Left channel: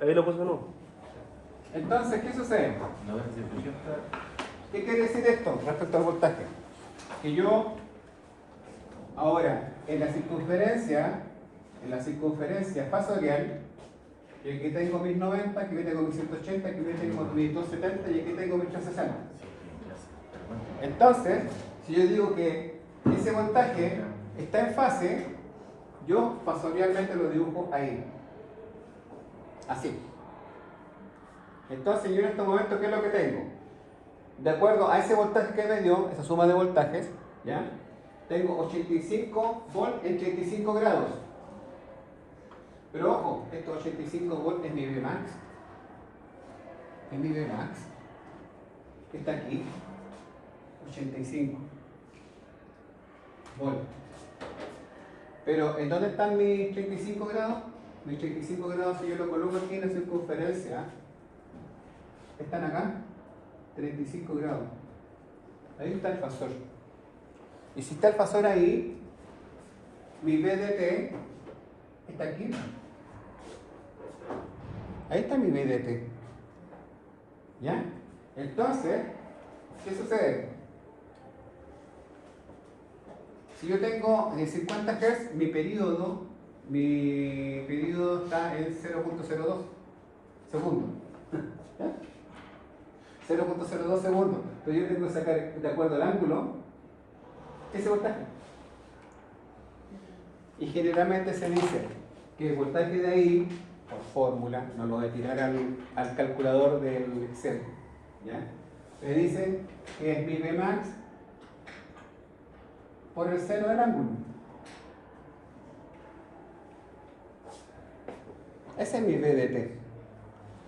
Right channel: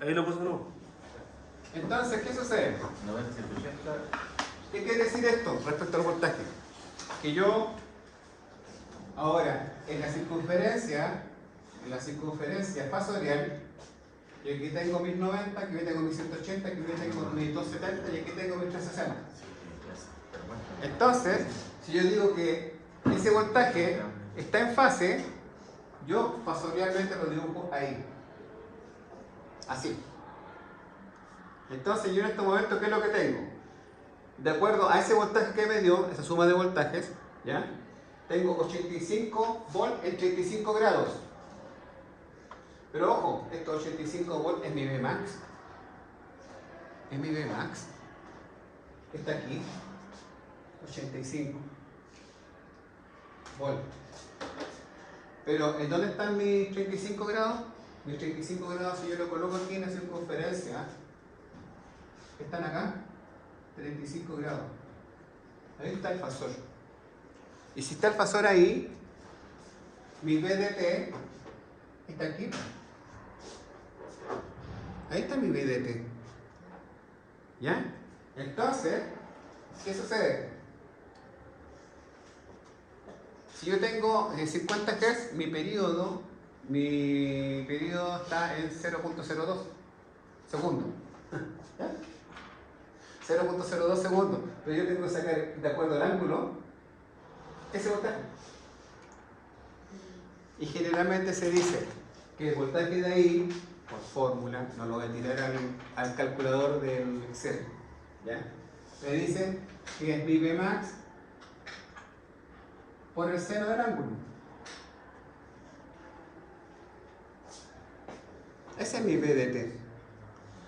Ahí lo puse de nuevo. Entonces, ¿qué sucede? 90, 180. ¿Qué quiere decir esto respecto al voltaje? Que yo, ahora, en la circunferencia fasorial, yo aquí tengo 1090, aquí tengo 1180, aquí tengo 1270 y aquí tengo 1360. Entonces, si yo digo que ese voltaje está en fase, yo fasorialmente lo dibujo ahí. Así. Entonces yo en este momento, ¿qué es lo que tengo? De acuerdo a ese voltaje que me dio, esa suma de voltajes, ¿ya? Tengo 85 volts en 35 grados. Pero ojo, estos 85 volts es mi Vmax. Es mi Vmax. Está aquí. 85 volts. Pero ¿en dónde están mis 35 grados? Mis 35 grados, si yo lo coloco aquí en la circunferencia, están acá, 35 grados. Ahí está el fasor. Y si está el fasor ahí, mi VDT está aquí. Ahí está mi VDT. ¿Ya? Entonces, ¿qué sucede? Si yo tengo 50 Hz, mi periodo está en 0.02 segundos. ¿Ya? 0.02 segundos. Pero yo tengo que sacar, de acuerdo al ángulo, ese voltaje. Y generalmente se dice que el voltaje de ahí, por fórmula, no lo voy a tirar al calculador del Excel, ¿ya? Me dicen que es mi Vmax por el seno del ángulo. Ese es mi VDT.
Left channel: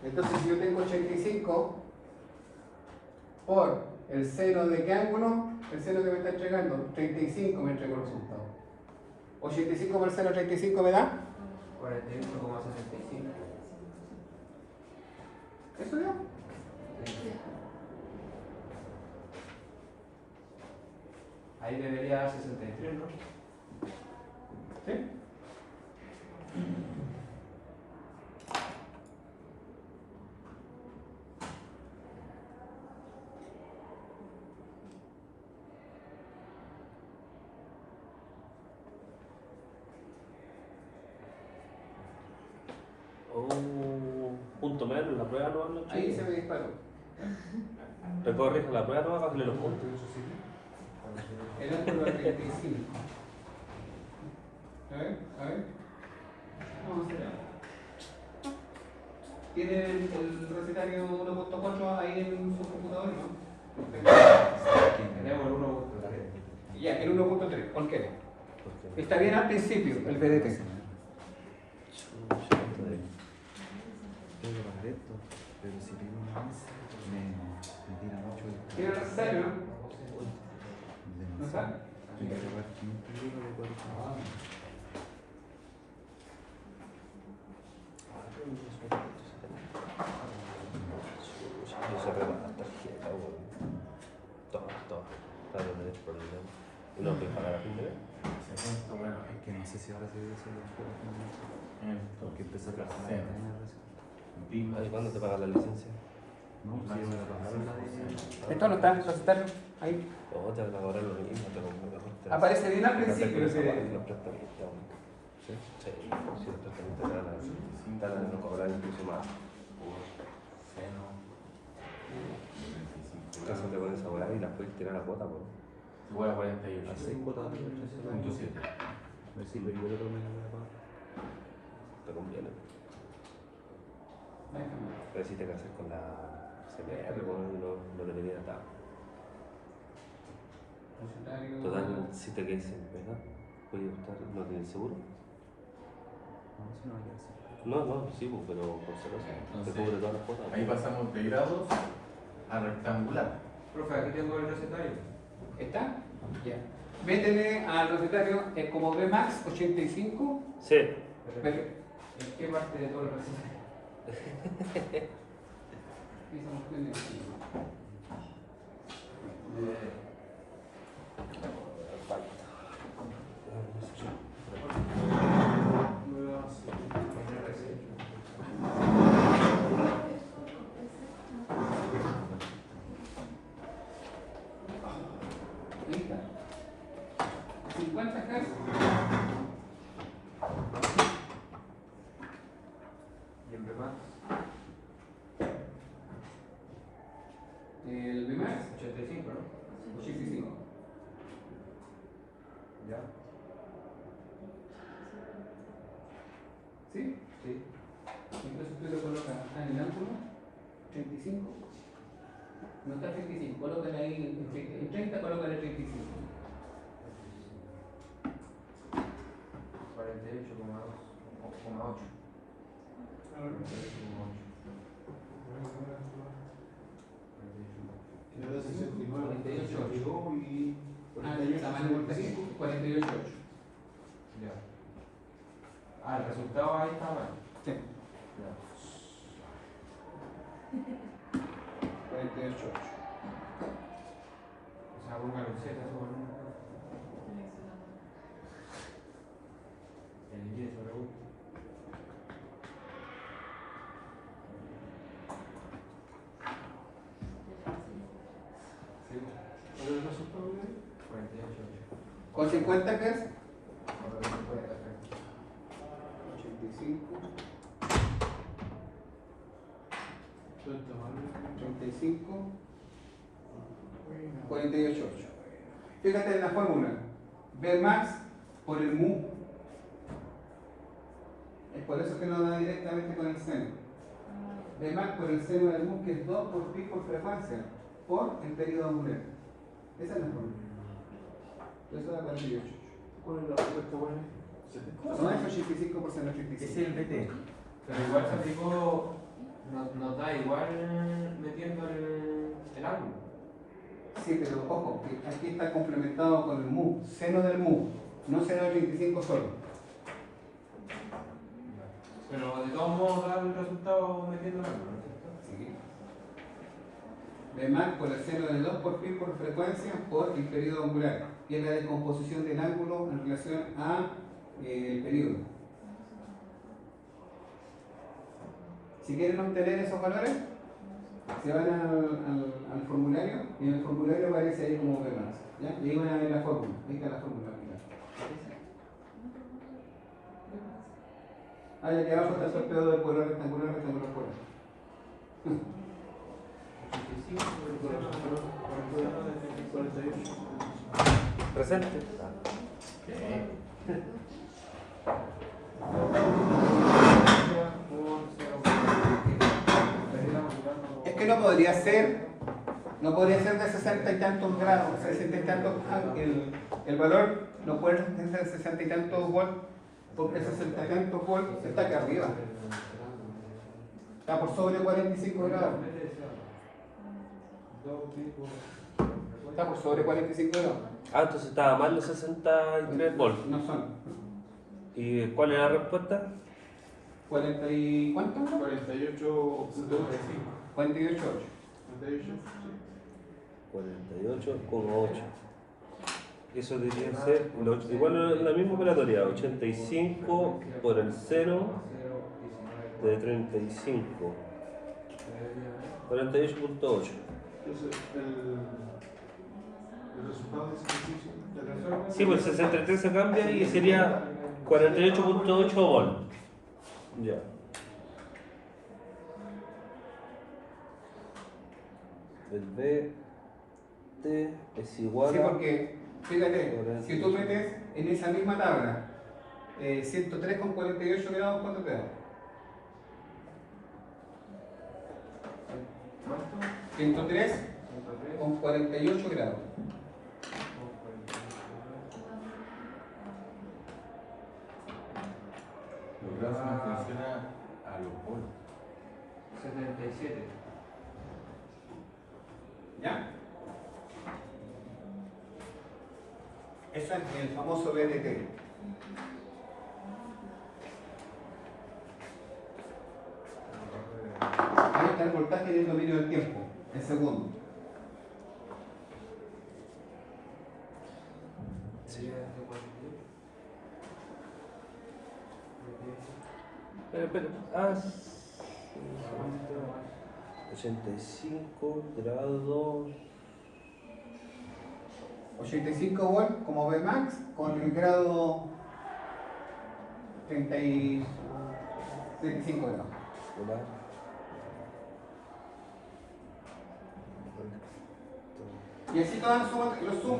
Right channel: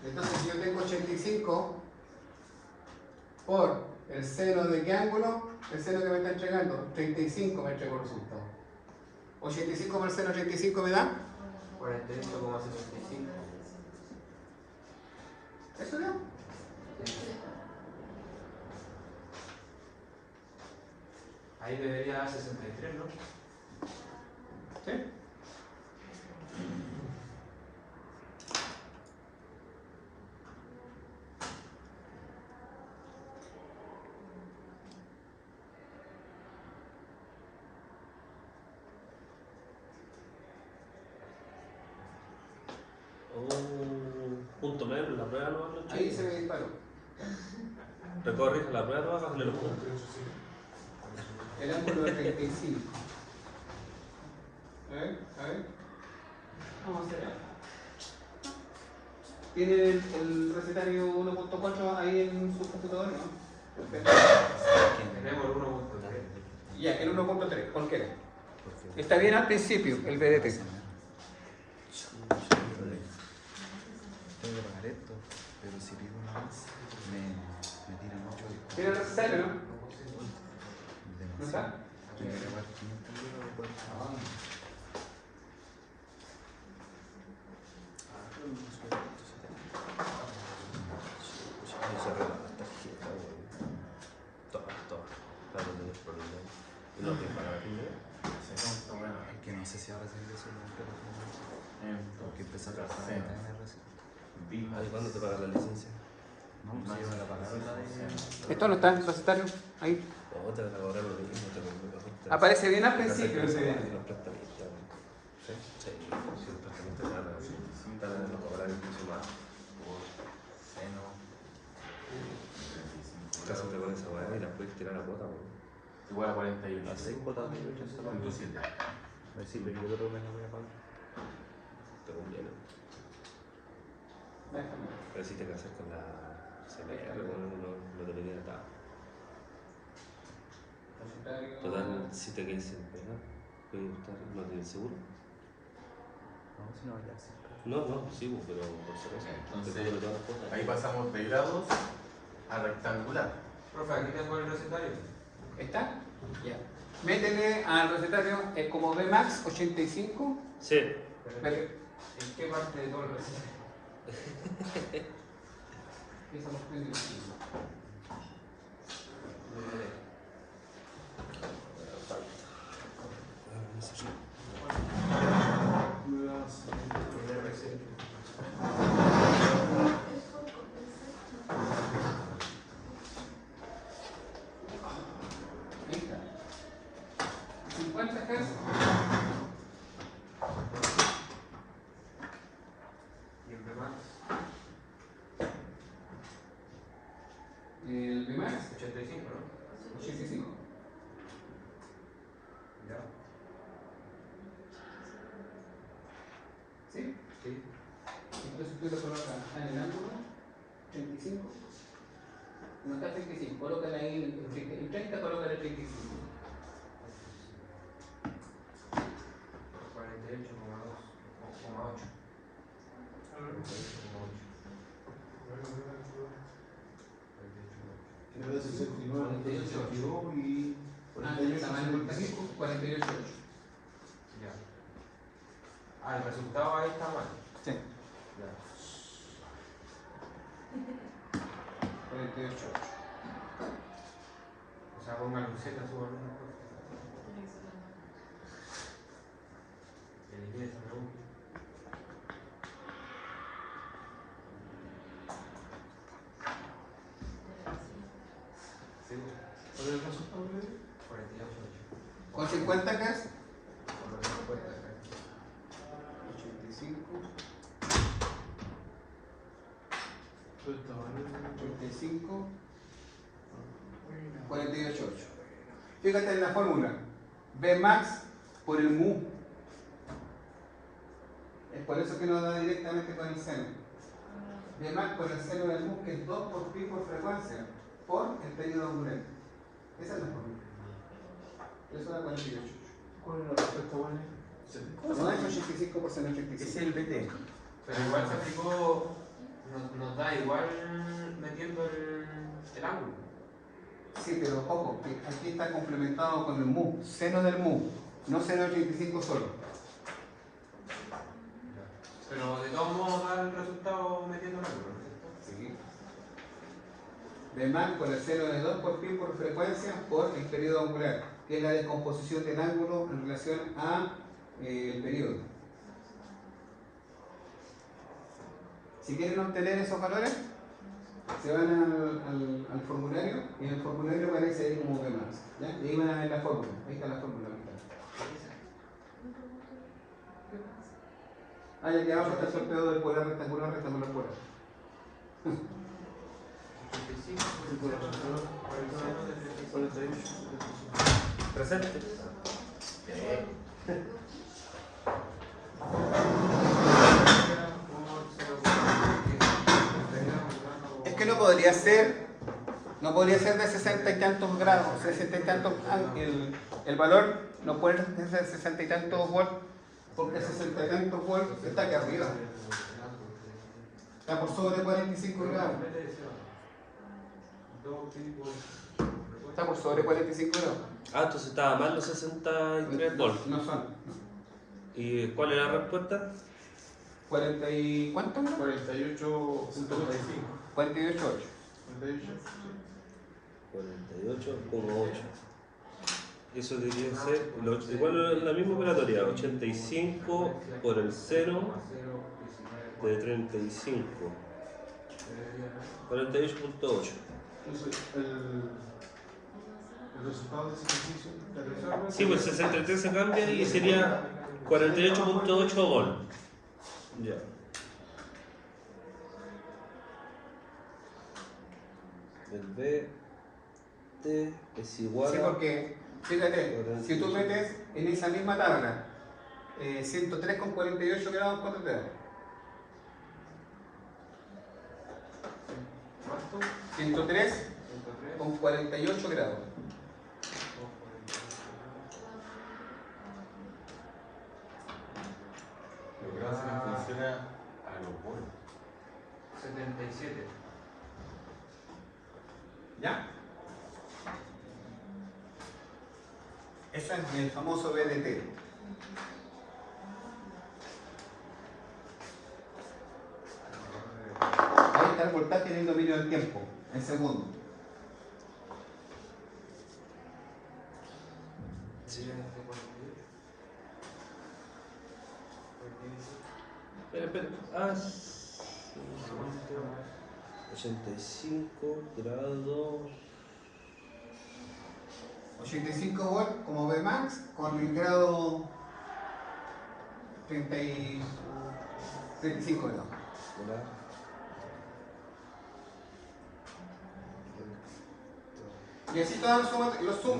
Entonces, si yo tengo 85 por el seno de qué ángulo, el seno que me está entregando, 35 me entregó el resultado. 85 por el seno 35 me da 48,65. ¿eso ya? Ahí debería dar 63, ¿no? ¿Sí? Punto menos, la prueba no. Ahí se me disparó. Te corrige la prueba, no vas a hacerle los puntos. El ángulo de 35. A ver. Vamos a hacer. ¿Tiene el recetario 1.4 ahí en su computador, no? Tenemos el 1.3. Ya, el 1.3. ¿Por qué? Está bien al principio, el VDT. ¿Tiene el recetario, no? ¿No está? No sé si ahora se dice porque empezó a trabajar en ¿Hace cuándo te pagan la licencia? No, si no me la pagaron la de... ¿Esto no está en el recetario? Ahí. No, te van a cobrar lo mismo, te lo juro. Aparece bien al principio. Los prestamistas. Sí, si los prestamistas eran así. Cada vez nos cobran incluso más. Caso te pones a volar y la puedes tirar a cuota, ¿no? Igual a 48. Así cuota, 1.7. Sí, pero yo creo que no voy a pagar. Te conviene. Pero si te casas con la CPR, no debería estar. Total, si te quedas sin pena, puedes buscar lo del seguro. No, sí, pero por si acaso. Te cubre todas las cuotas. Ahí pasamos de grados a rectangular. Profe, aquí tengo el recetario. ¿Está? Ya. Métele al recetario como Vmax 85. Sí. Pero, ¿En qué parte de todo el recetario? esa cuestión es así. No, Hz. Y el Vmax, El Vmax, 85, ¿no? 85. Ya. ¿Sí? Sí. Entonces tú le colocas en el ángulo 35. No está 35, colócale ahí en 30, colócale 35. 48,2,8. Entonces 69, 48 y El tamaño de voltaje, 48,8. Ya. Ah, el resultado ahí está mal. Sí, Ya. 48,8. O sea, ponga un Z sobre el Y sobre U. Sí, ¿cuál es el resultado? 48,8. Con 50 Hz, Ahora me cuenta acá. 85, ¿Cuánto vale? 85, 48,8. Fíjate en la fórmula. Vmax por el mu. Es por eso que nos da directamente con el seno. Vmax por el seno del mu, que es 2 por pi por frecuencia, por el periodo angular. Esa es la fórmula. Eso da 48,8. ¿Cuál es la respuesta, vale? No es 85 por seno 85. Es el BT. Pero igual se aplicó, nos da igual metiendo el ángulo. Sí, pero ojo, que aquí está complementado con el mu, seno del mu, no seno de 85 solo. Pero de todos modos da el resultado metiendo el ángulo, ¿no es cierto? Sí. Vmax por el seno de 2 por pi por frecuencia por el periodo angular, que es la descomposición del ángulo en relación a el periodo. Si quieren obtener esos valores, se van al formulario y en el formulario aparece ahí como Vmax. ¿Ya? Y ahí van a ver la fórmula. Ahí está la fórmula. Ah, ya que abajo está el sorteo del polar rectangular, rectangular polar. 85 por el 0 48. Presente. Es que no podría ser de 60 y tantos grados, 60 y tantos, el valor no puede ser 60 y tantos volts, porque 60 y tantos volts está aquí arriba, está por sobre 45 grados, está por sobre 45 grados. Ah, entonces estaba mal los 63 volts. No son. ¿Y cuál es la respuesta? 40 y ¿cuánto era? 48.5. 48,8. 48. 48,8. Eso debería ser igual la misma operatoria, 85 por el 0 de 35. 48,8. Entonces, el resultado de ese ejercicio de la Sí, pues 63 se cambia y sería 48,8 volts. Ya. El BT es igual Sí, a... porque, fíjate, si tú metes en esa misma tabla 103,48 grados, ¿cuánto te da? ¿Cuánto? 103,48 grados. Lo que hace me funciona a los bonos. 77. ¿Ya? Ese es el famoso BDT. Ahí está el voltaje y el dominio del tiempo, en segundo. Sí. Espera. Ah, 85 grados. 85 volt como Vmax con el grado 35 grados. Y así todos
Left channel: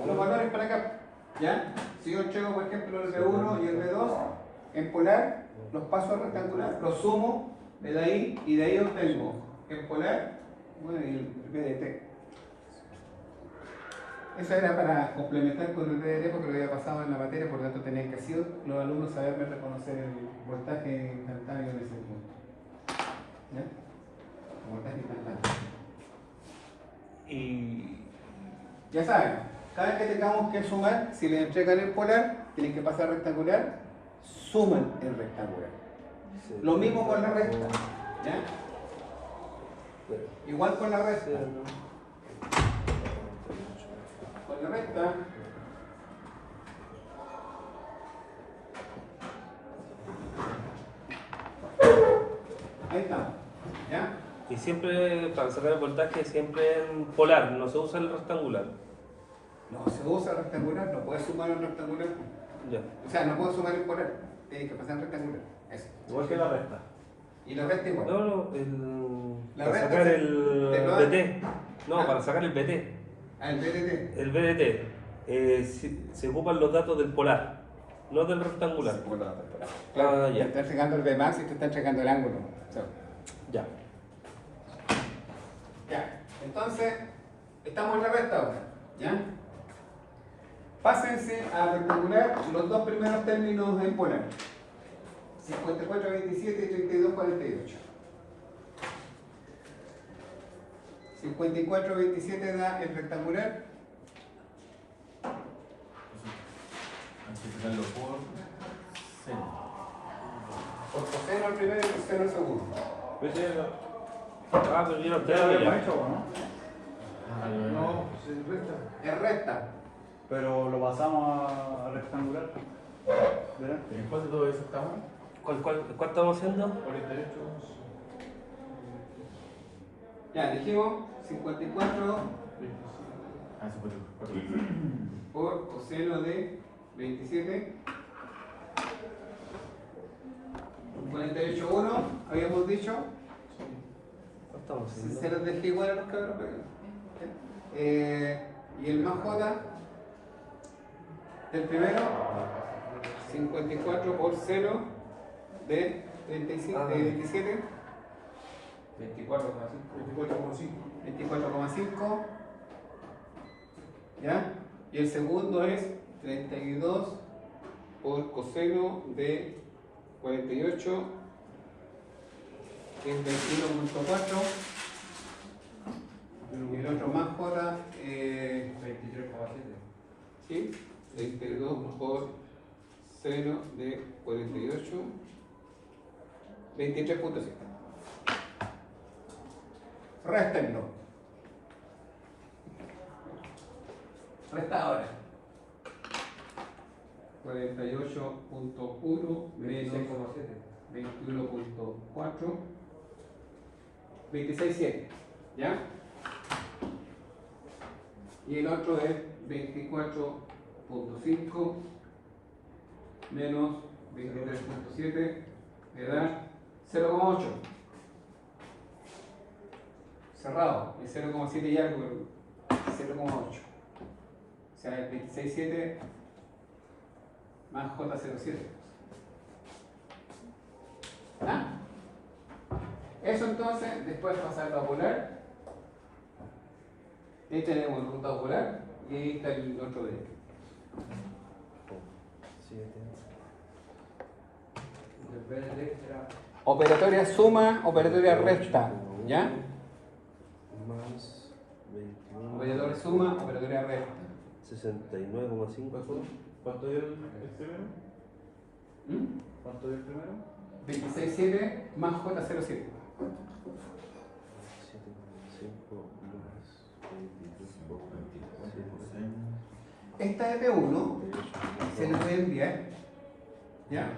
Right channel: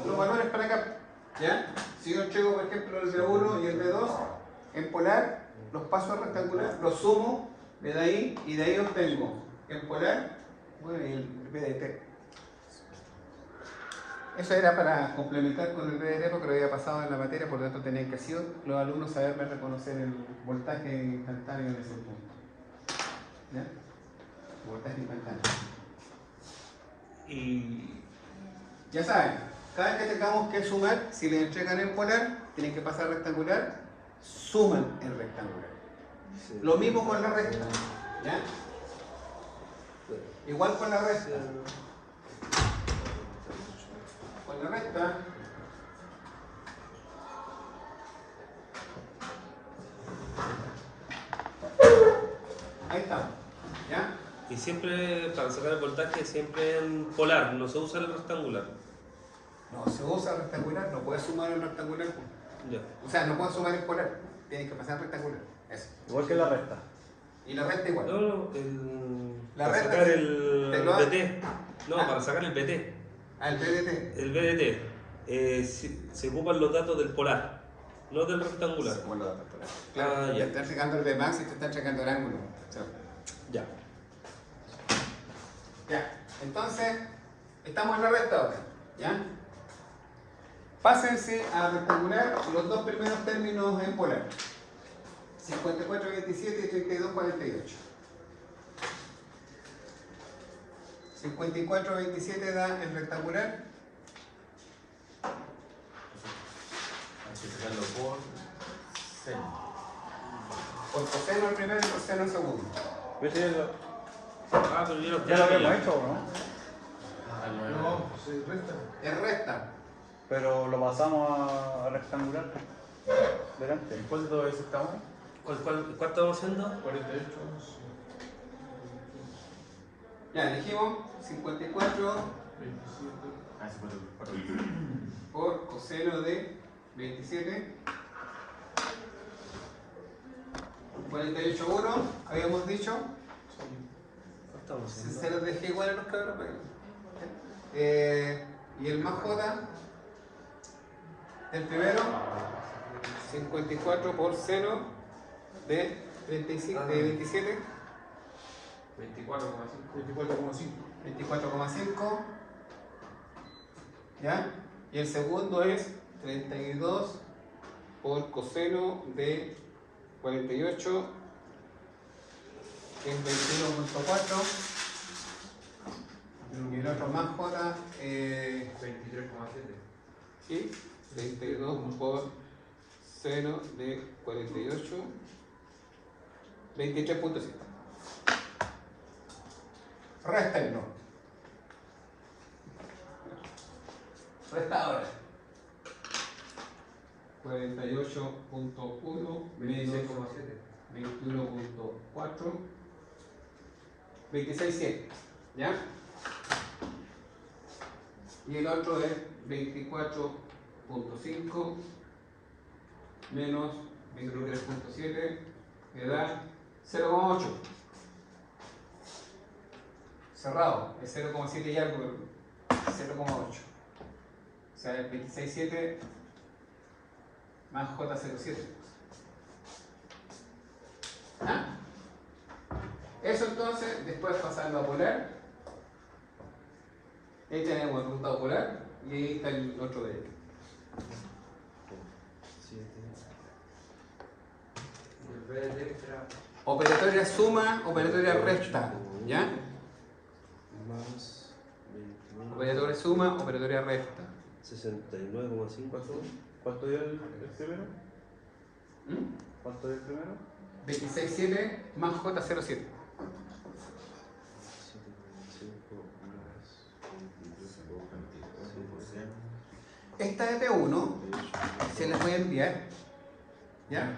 los valores para acá. ¿Ya? Si yo entrego, por ejemplo, el V1 y el V2 en polar, los paso a rectangular, los sumo, me da ahí y de ahí obtengo en polar, bueno, y el VDT. Eso era para complementar con el VDT porque lo había pasado en la materia, por lo tanto tenía que hacer los alumnos saberme reconocer el voltaje instantáneo de ese punto. ¿Ya? El voltaje instantáneo. Y ya saben, cada vez que tengamos que sumar, si les entregan en polar, tienen que pasar a rectangular, suman en rectangular. Lo mismo con la resta. ¿Ya? Igual con la resta. Con la resta. Ahí estamos. ¿Ya? Y siempre, para sacar el voltaje, siempre en polar, no se usa el rectangular. No se usa rectangular, no puedes sumar en rectangular. Ya. O sea, no puedes sumar en polar, tienes que pasar en rectangular. Eso. Igual que la resta. Y la resta igual. No, La para resta sacar se- el te lo- BT. No, para sacar el BT. Ah, el PDT. El BDT. Se ocupan los datos del polar, no del rectangular. Se pone los datos por ahí. Claro, Ah, te ya. están checando el Vmax y te están checando el ángulo. O sea, Ya. ya. Entonces, estamos en la resta ahora. ¿Ya? Pásense a rectangular los dos primeros términos en polar. 54-27 y 32-48. 54-27 da el rectangular. Multiplicarlo por 6. Por coseno el primero y coseno el segundo. Ah, pero yo Ya lo habíamos hecho, ¿no? No, Es recta. Pero lo pasamos a rectangular. Delante. ¿en cuánto eso estamos? ¿Cuál estamos haciendo? 48. Ya, dijimos 54 Ah, 54. por coseno de 27. 48,1, habíamos dicho. ¿Cuál estamos Se haciendo? los dejé igual a los cabros. Y el más J del primero, 54 por seno de 35, de 27. 24,5. 24,5. ¿Ya? Y el segundo es 32 por coseno de 48, que es 21,4. Y el otro más J, 23,7. ¿sí? 32 por seno de 48, 23,7. Réstenlo. Resta ahora. 48,1 menos 21,4, 26,7. ¿Ya? Y el otro es 24,5 menos 23,7, que da 0,8. Cerrado, es 0,7 y algo, pero 0,8. O sea, el 26,7 más J07. ¿Ah? Eso entonces, después pasarlo a polar. Ahí tenemos el resultado polar y ahí está el otro de él. Y el BDT era Operatoria suma, operatoria resta. ¿Ya? Más 21. Operatoria suma, operatoria resta. 69,5. ¿Cuánto es el primero? ¿Mm? ¿Cuánto es el primero? 26,7 más J07. Esta de P1 se les voy a enviar. ¿Ya?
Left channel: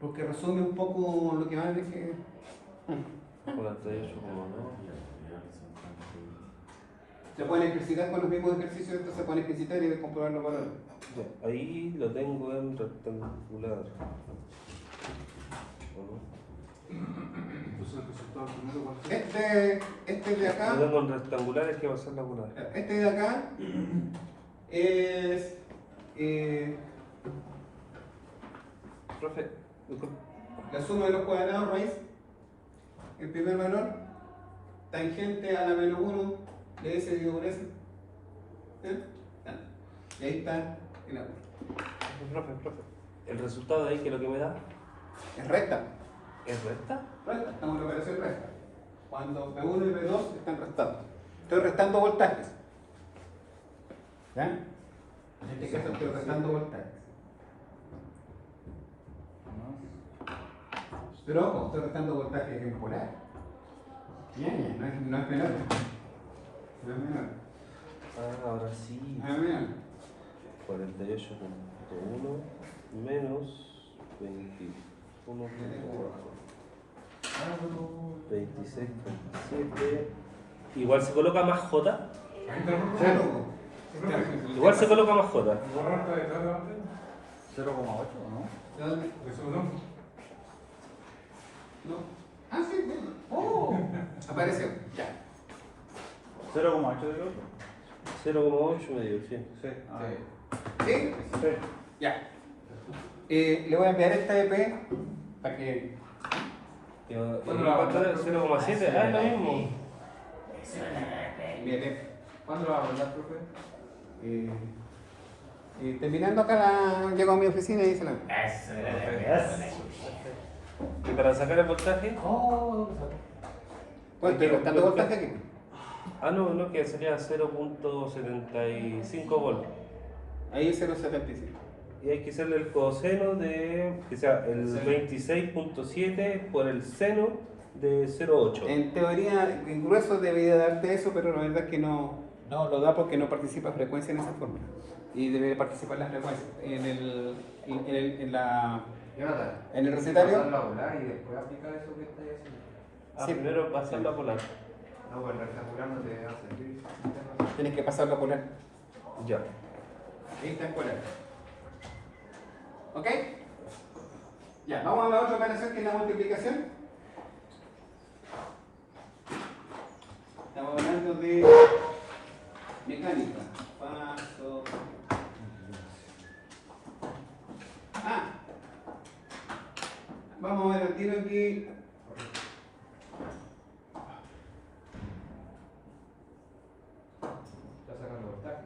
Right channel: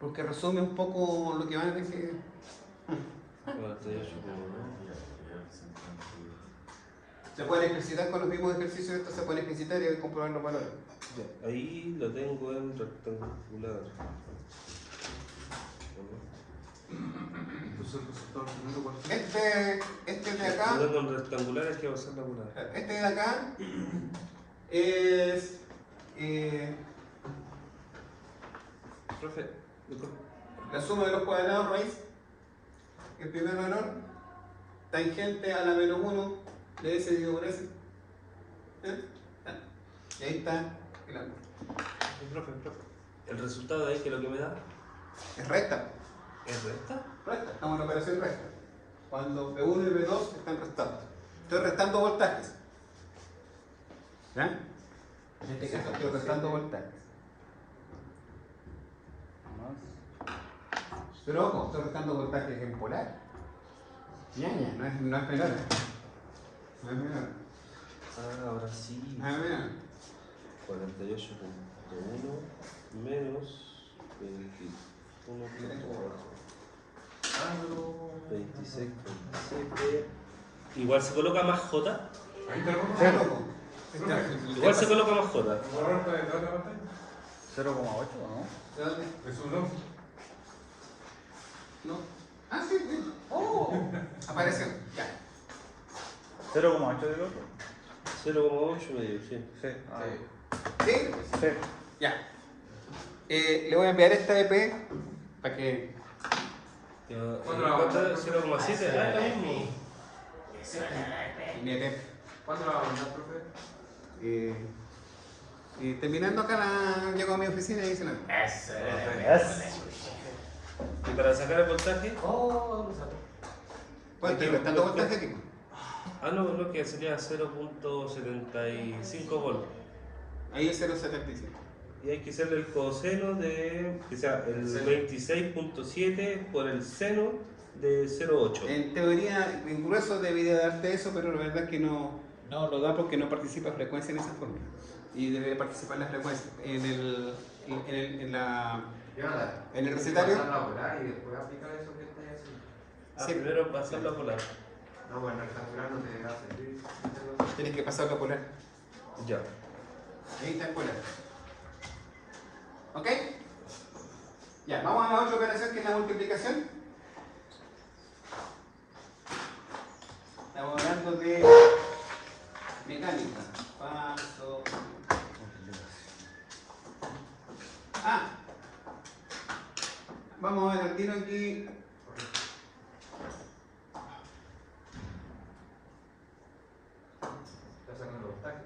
Porque resume un poco lo que van a ver que. 48,9. Se pueden ejercitar con los mismos ejercicios, estos se pueden ejercitar y comprobar los valores. Ahí lo tengo en rectangular. Entonces el resultado primero, ¿cuál fue? Este de acá. Lo tengo en rectangular, es que va a ser la bola. Este de acá es. Profe, disculpe. La suma de los cuadrados raíz, el primer valor, tangente a la menos 1 de S dividido por S. ¿Eh? Y ahí está el ángulo. Profe. El resultado de ahí, que es lo que me da, Es recta. es recta. Recta, estamos en la operación recta. Cuando P1 y P2 están restados. Estoy restando voltajes. ¿Ya? En este caso estoy restando voltajes. Pero ojo, estoy restando voltajes en polar. Ñaña, no es menor. No es menor. Ah, ahora sí. No es menor. 48.1 menos 26.7. Igual se coloca más J. Ya loco. Igual se coloca más J. ¿Borrar de dónde parte? 0,8, ¿no? ¿De dónde? Eso no. No. Ah, sí, sí. Oh, apareció. Ya. 0,8 del otro. 0,8 medio, sí. Sí. ¿Sí? Sí. Ya. Le voy a enviar esta EP para que. ¿Cuándo la va a mandar? 0,7. Ah, lo mismo. Mi EP. ¿Cuándo la va a mandar, profe? Terminando acá, llego a mi oficina y se la. ¿Y para sacar el voltaje? Bueno, estoy restando voltaje aquí. Ah, no, que sería 0.75 volts. Ahí es 0,75. Y hay que hacerle el coseno de, que sea el 26.7 por el seno de 0,8. En teoría, en grueso debería darte eso, pero la verdad es que no lo da porque no participa frecuencia en esa forma. Y debería participar la frecuencia. En el recetario. Pasarlo a volar y después aplicar eso que estoy haciendo. Sí. Primero pasarlo a polar. No, pues el rectangular no te hace servir. Tienes que pasarlo a polar. Ya. Ahí está en polar. ¿Ok? Ya, vamos a la otra operación que es la multiplicación. Estamos hablando de mecánica. Paso. Vamos a ver el tiro aquí. Está sacando voltaje.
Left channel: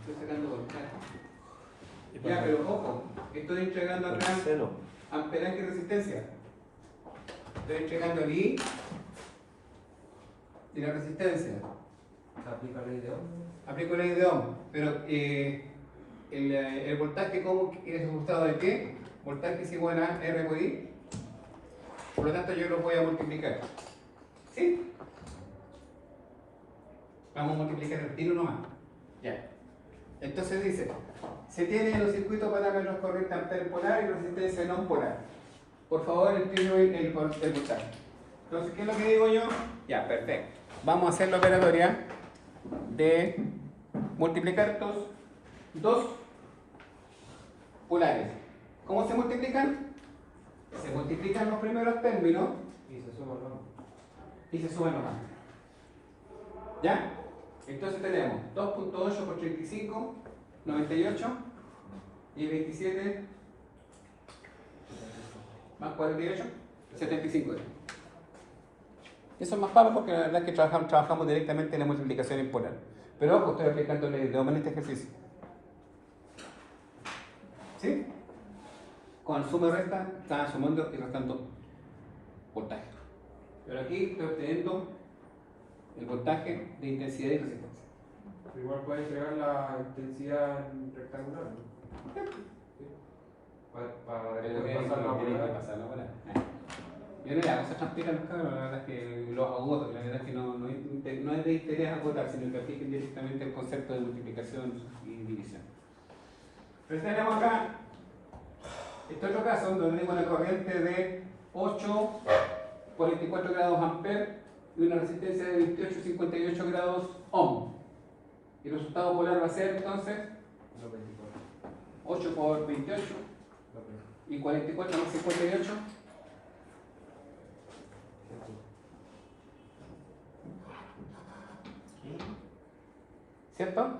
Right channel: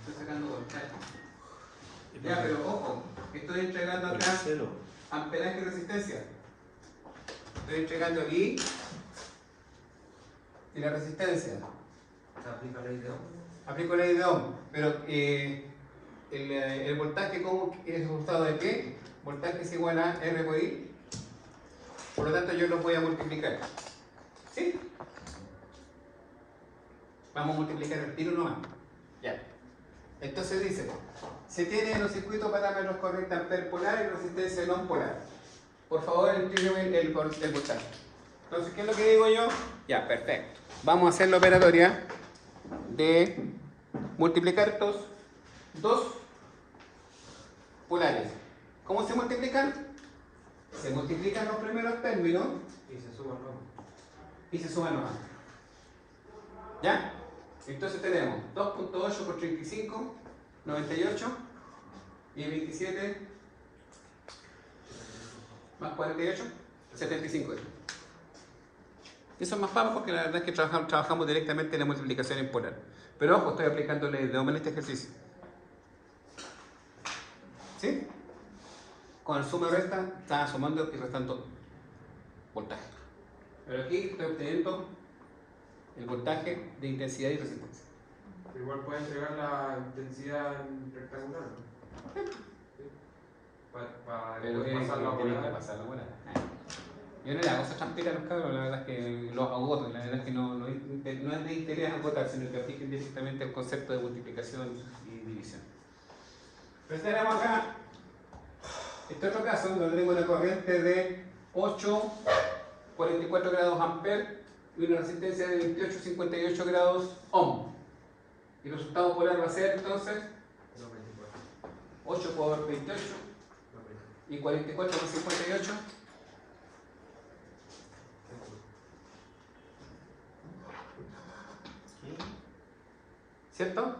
Estoy sacando voltaje. Ya, pero ojo, estoy entregando El acá seno. amperaje y resistencia. Estoy entregando el I y la resistencia. Aplica la ley de Ohm. Aplico ley de Ohm, pero el voltaje ¿cómo es resultado de qué? Voltaje es igual a R por I. Por lo tanto yo lo voy a multiplicar. ¿Sí? Vamos a multiplicar el tiro nomás. Ya. Entonces dice, se tiene en los circuitos parámetros corriente amper polar y resistencia no polar. Por favor, entiende el voltaje. Entonces, ¿qué es lo que digo yo? Ya, perfecto. Vamos a hacer la operatoria de multiplicar estos dos polares. ¿Cómo se multiplican? Se multiplican los primeros términos Y se suma el nombre. y se suman los ambos. ¿Ya? Entonces tenemos 2.8 por 35, 98 y 27 más 48, 75. Eso es más fácil porque la verdad es que trabajamos directamente en la multiplicación en polar. Pero ojo, estoy aplicando ley de Ohm en este ejercicio. ¿Sí? Con el suma y resta, estaba sumando y restando voltaje. Pero aquí estoy obteniendo el voltaje de intensidad y resistencia. Pero igual puede entregar la intensidad en rectangular, ¿no? Para Pero después pasarlo a tienen que volar. pasarlo a volar. Yo no le hago esa trampita a los cabros, la verdad es que los agoto, la verdad es que no es de interés agotar, sino que apliquen directamente el concepto de multiplicación y división. Pero tenemos acá, este otro caso, donde tengo una corriente de 8 44 grados amper y una resistencia de 28,58 grados ohm. Y el resultado polar va a ser entonces 8 por 28 y 44 más 58. ¿Cierto? 2.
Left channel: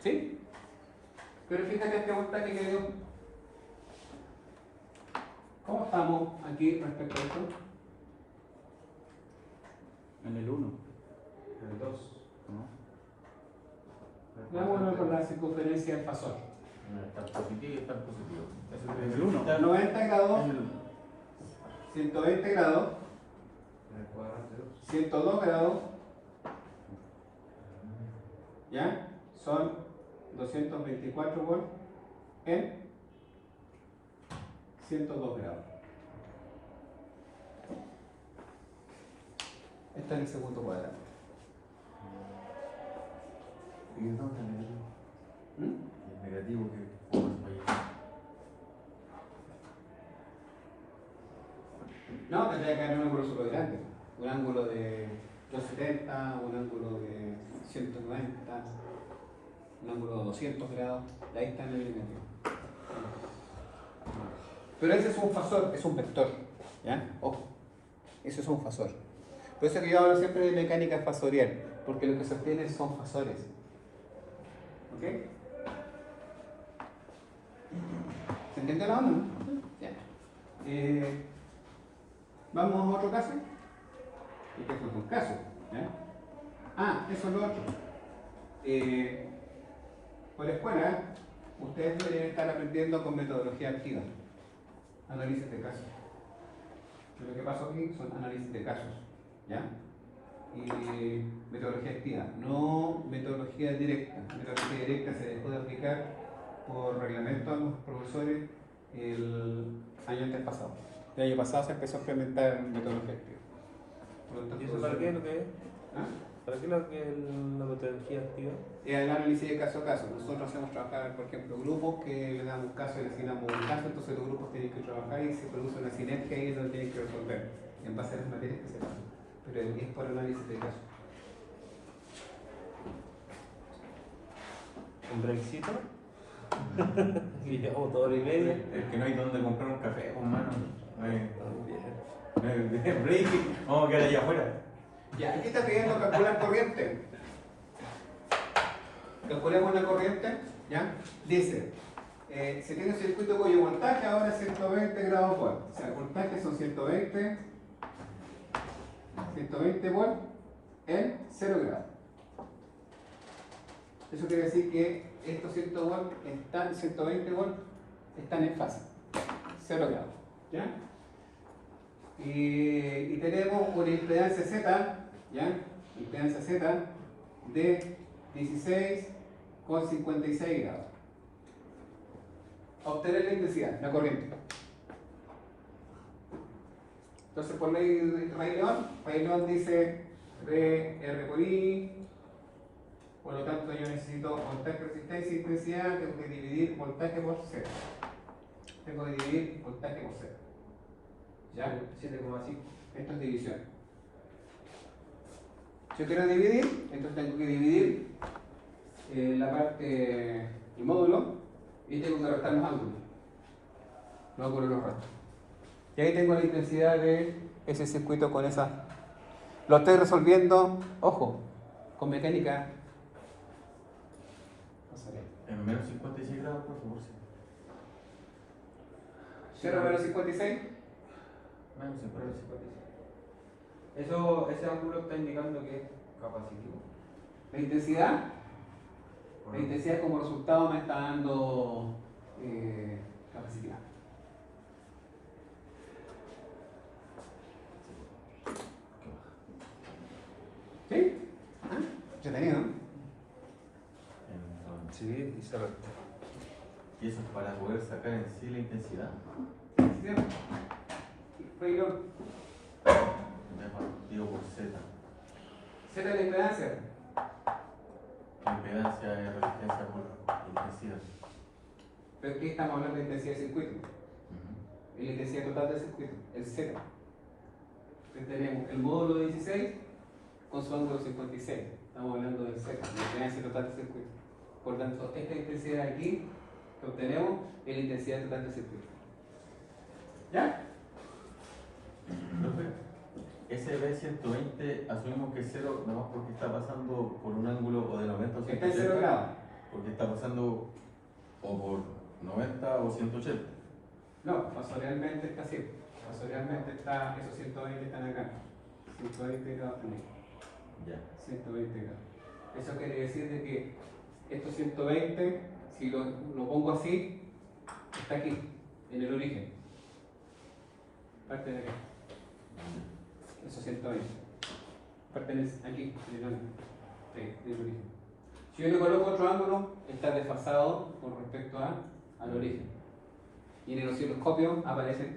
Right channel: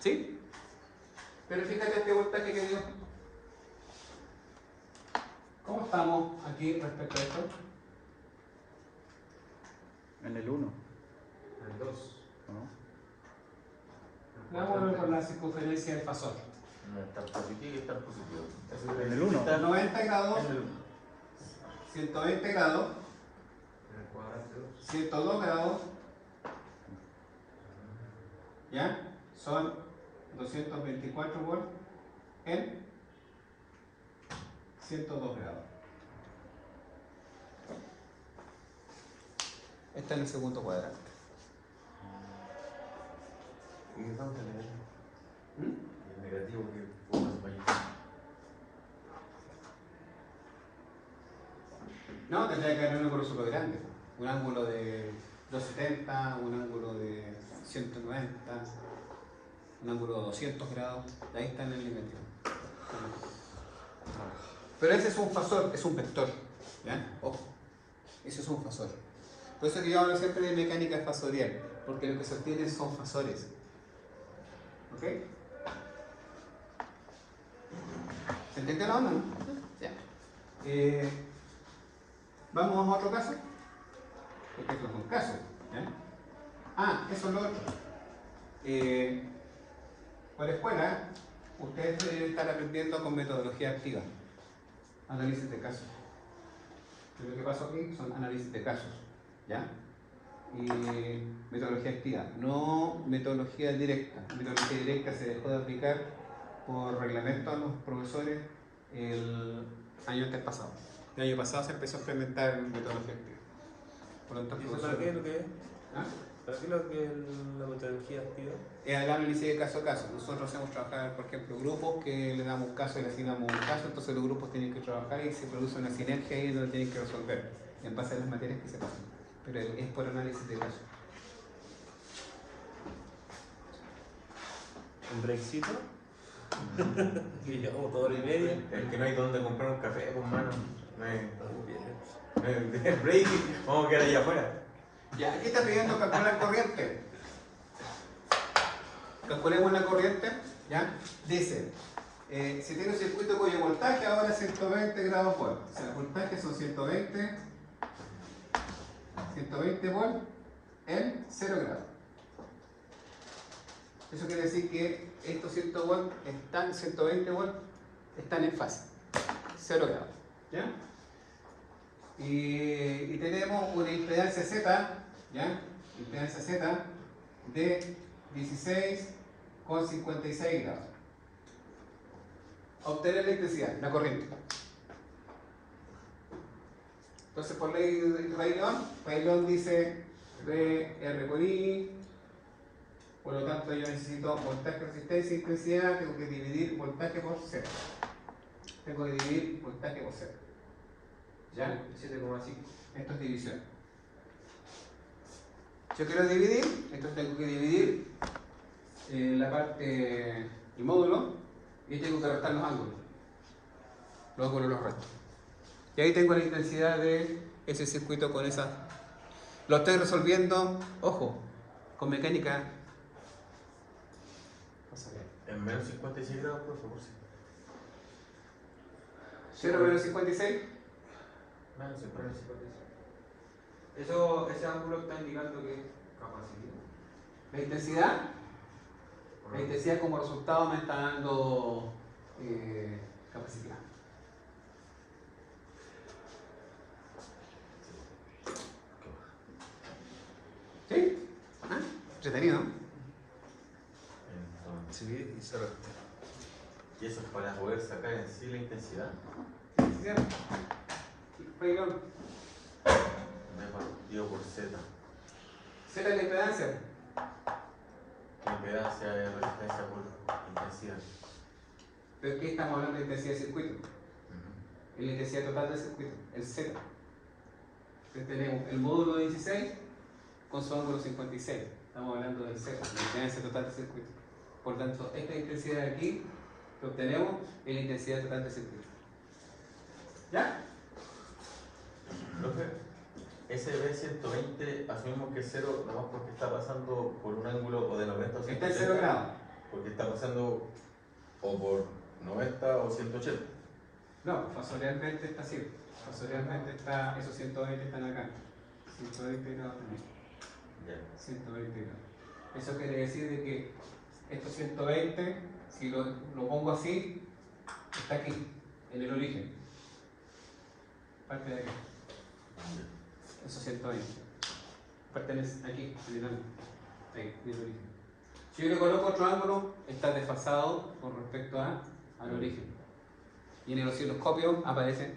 ¿Sí? Pero fíjate este voltaje que dio. ¿Cómo estamos aquí respecto a esto? En el 1, El 2. ¿no? Hagámoslo con la circunferencia del fasor. Está positivo y está positivo. En el 1. 90 grados, En el 1. 120 grados, En el cuadrante 2. 102 grados. ¿Ya? Son 224 volts en 102 grados. Este es el segundo cuadrante. ¿Y dónde está el negativo? ¿Mm? El negativo que fue para allá. No, tendría que haber un ángulo súper grande. Un ángulo de 270, un ángulo de 190, un ángulo de 200 grados. Ahí está en el negativo. Pero ese es un fasor, es un vector. ¿Ya? Ojo, eso es un fasor. Por eso que yo hablo siempre de mecánica fasorial, porque lo que se obtiene son fasores. ¿Ok? ¿Se entiende la onda, no? Ya. Vamos a otro caso. Este es un caso. ¿Ya? Ah, eso es lo otro. Por la escuela, ustedes deben estar aprendiendo con metodología activa. Análisis de casos. Y lo que pasa aquí son análisis de casos. ¿Ya? Y metodología activa, no metodología directa. Metodología directa se dejó de aplicar por reglamento a los profesores el año antes pasado. El año pasado se empezó a implementar metodología activa. Por lo tanto, ¿Y eso para qué es lo que es? ¿Ah? ¿Para qué es lo que es la metodología activa? El análisis de caso a caso. Nosotros hacemos trabajar, por ejemplo, grupos que le damos un caso y le asignamos un caso, entonces los grupos tienen que trabajar y se produce una sinergia y ellos lo tienen que resolver en base a las materias que se pasan. Pero es por análisis de caso. ¿Un breakcito? Y llevamos toda hora y media. Es que no hay donde comprar un café, pues, mano. No hay break. Vamos a quedar allá afuera. Ya, aquí está pidiendo calcular corriente. Calculemos la corriente, ¿ya? Dice, si tiene un circuito cuyo voltaje ahora es 120 grados volt. O sea, el voltaje son 120 volts en 0 grados. Eso quiere decir que estos 120 volts están en fase, 0 grados. ¿Ya? Y tenemos una impedancia Z, ¿ya? Impedancia Z de 16,56 grados. Obtener la intensidad, la corriente. Entonces, por ley de Rey León dice R por I, por lo tanto yo necesito voltaje, resistencia, intensidad, tengo que dividir voltaje por Z. Tengo que dividir voltaje por Z. ¿Ya? 7,5. Esto es división. Yo quiero dividir, entonces tengo que dividir la parte, el módulo, y tengo que restar los ángulos. Los ángulos los resto. Y ahí tengo la intensidad de ese circuito con esa. Lo estoy resolviendo, ojo, con mecánica. En menos 56 grados, por favor, sí. 0 menos 56. Menos 56. Ese ángulo está indicando que es capacitivo. La intensidad como resultado me está dando capacidad. ¿Sí? ¿Ah? Entretenido, ¿no? Sí, y se resta. Y eso es para poder sacar en sí la intensidad. Intensidad. Rey León. Me partido por Z. Z es la impedancia. La impedancia de resistencia por intensidad. Pero es que estamos hablando de intensidad de circuito. Ujú. la intensidad total del circuito, el Z. Entonces tenemos el módulo 16 con su ángulo 56. Estamos hablando del Z, la intensidad total del circuito. Por tanto, esta intensidad aquí que obtenemos es la intensidad total del circuito. ¿Ya? Profe, ese B120 asumimos que es 0 nomás porque está pasando por un ángulo o de 90 o Está en 180. 0 grados. Porque está pasando o por 90 o 180. No, fasorialmente está así. Fasorialmente está, esos 120 están acá. 120 grados también. Ya. 120 grados. Eso quiere decir de que estos 120, si lo pongo así, está aquí, en el origen. Parte de acá. Esos 120. Pertenece aquí, en el ángulo. Sí, en el origen. Si yo le coloco otro ángulo, está desfasado con respecto al origen. Y en el osciloscopio aparecen,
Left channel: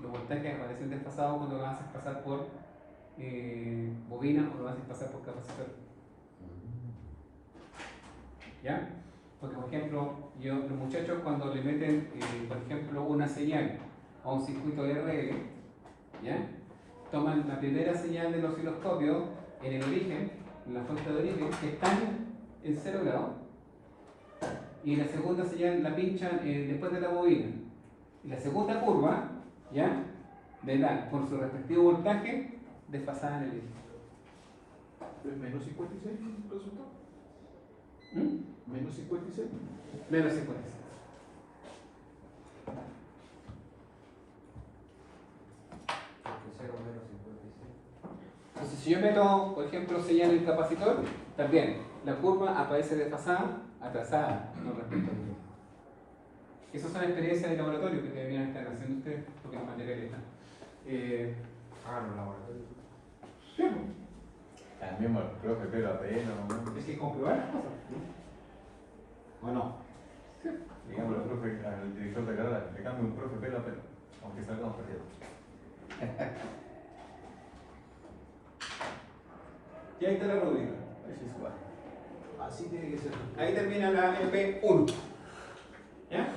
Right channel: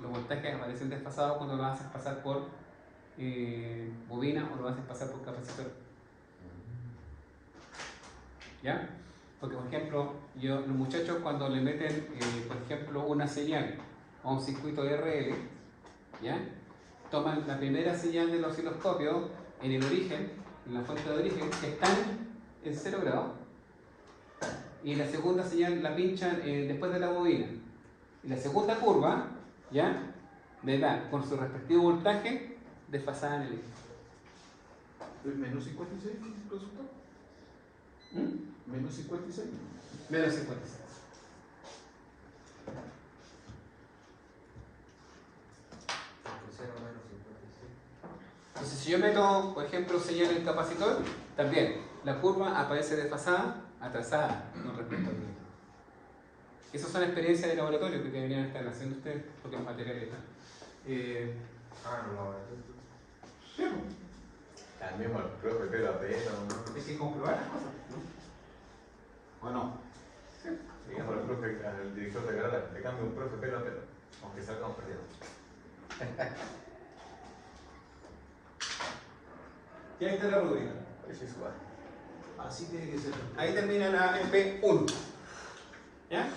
los voltajes aparecen desfasados cuando lo haces pasar por bobina o lo haces pasar por capacitor. ¿Ya? Porque, por ejemplo, los muchachos cuando le meten, por ejemplo, una señal a un circuito RL, ¿ya? Toman la primera señal del osciloscopio en el origen, en la fuente de origen, que están en 0 grados, y la segunda señal la pinchan después de la bobina. Y la segunda curva, ¿ya? Le da con su respectivo voltaje desfasada en el eje. ¿Menos 56 el resultado? ¿Mm? ¿Menos 56? Menos 56. Entonces, si yo meto, por ejemplo, señal en el capacitor, también la curva aparece desfasada, atrasada con respecto al eje. Esas son experiencias de laboratorio que deberían estar haciendo ustedes, porque los materiales están. Háganlo ahora. Cambiemos al profe pelo a pelo, ¿no? Es que comprobar las cosas. ¿O no? Digamos al profe, al director de carrera, le cambio un profe pelo a pelo, aunque salgamos perdiendo. Y ahí está la rúbrica. Eso es igual. Así tiene que ser. Ahí termina la MP1. ¿Ya?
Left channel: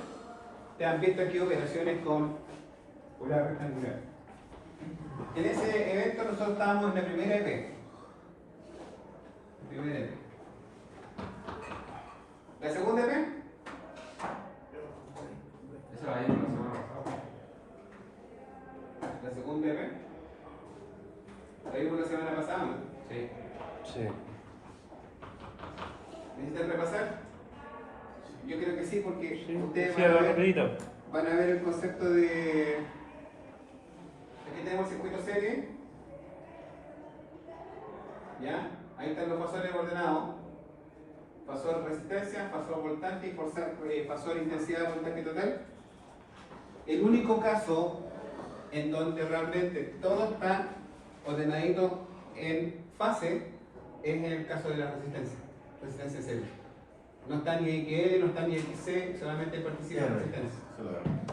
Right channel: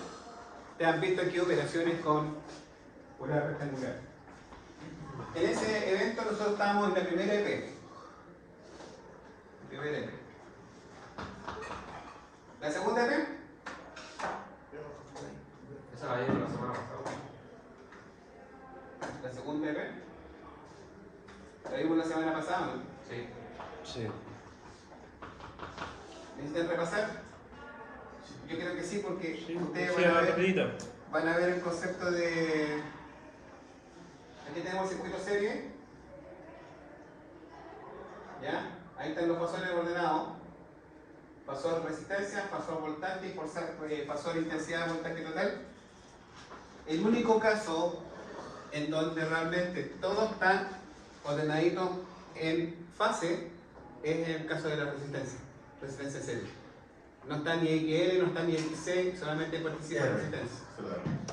Te han visto aquí operaciones con polar rectangular. En ese evento nosotros estábamos en la primera EP. Primera EP. ¿La segunda EP? Eso la vimos la semana pasada. La segunda EP. La vimos la semana pasada, ¿no? Sí. Sí. ¿Necesitan repasar? Yo creo que sí, porque ustedes Sí, van a ver, rapidito. van a ver el concepto de... Aquí tenemos circuito serie. ¿Ya? Ahí están los fasores ordenados. Fasor resistencia, fasor voltaje y fasor intensidad de voltaje total. El único caso en donde realmente todo está ordenadito en fase es en el caso de la resistencia serie. No está ni XL, no está ni XC, solamente participa la resistencia.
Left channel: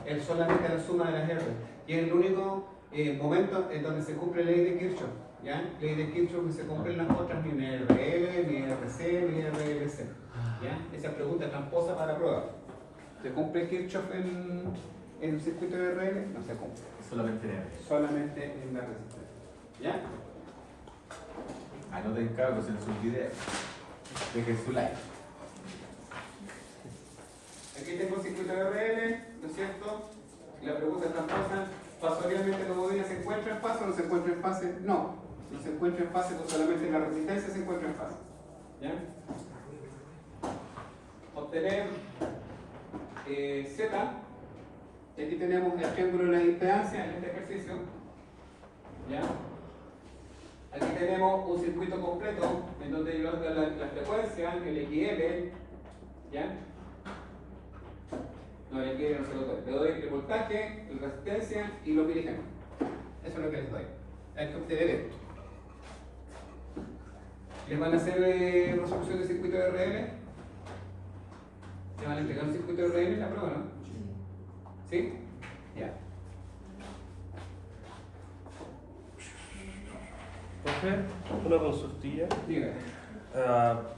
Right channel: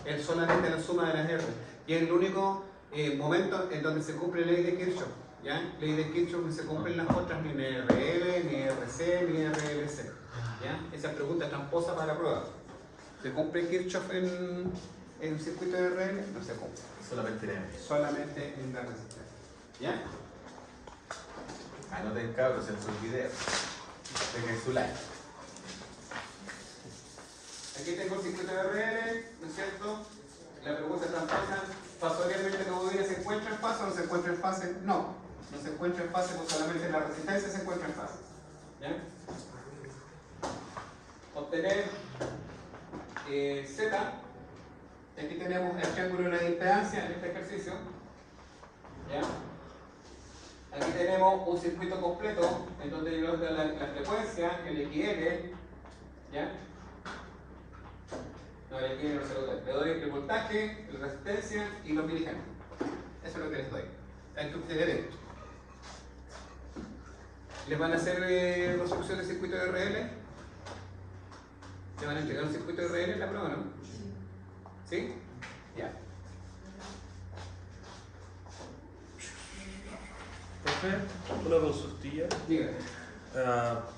Es solamente la suma de las R. Y es el único momento en donde se cumple la ley de Kirchhoff. ¿Ya? Ley de Kirchhoff no se cumplen las otras, ni RL, ni RC, ni RLC. ¿Ya? Esa pregunta es tramposa para la prueba. ¿Se cumple Kirchhoff en el circuito de RL? No se cumple. Solamente en él. Solamente en la resistencia. ¿Ya? Anoten cabros en sus videos. Dejen su like. Aquí tengo el circuito de RL, ¿no es cierto? La pregunta es tramposa. ¿Fasorialmente la bobina se encuentra en fase o no se encuentra en fase? No, no se encuentra en fase, pues solamente la resistencia se encuentra en fase. ¿Ya? Obtener Z. Aquí tenemos el triángulo de la impedancia en este ejercicio. ¿Ya? Aquí tenemos un circuito completo en donde yo voy a dar la frecuencia, el XL. ¿Ya? No, el XL no se lo doy. Le doy el voltaje, la resistencia y los miligenos. Eso es lo que les doy. Esto ustedes ven. ¿Les van a hacer resolución de circuito de RL? ¿Le van a entregar un circuito de RL en la prueba, no? ¿Sí? Ya. Profe, una consultilla. Dígame.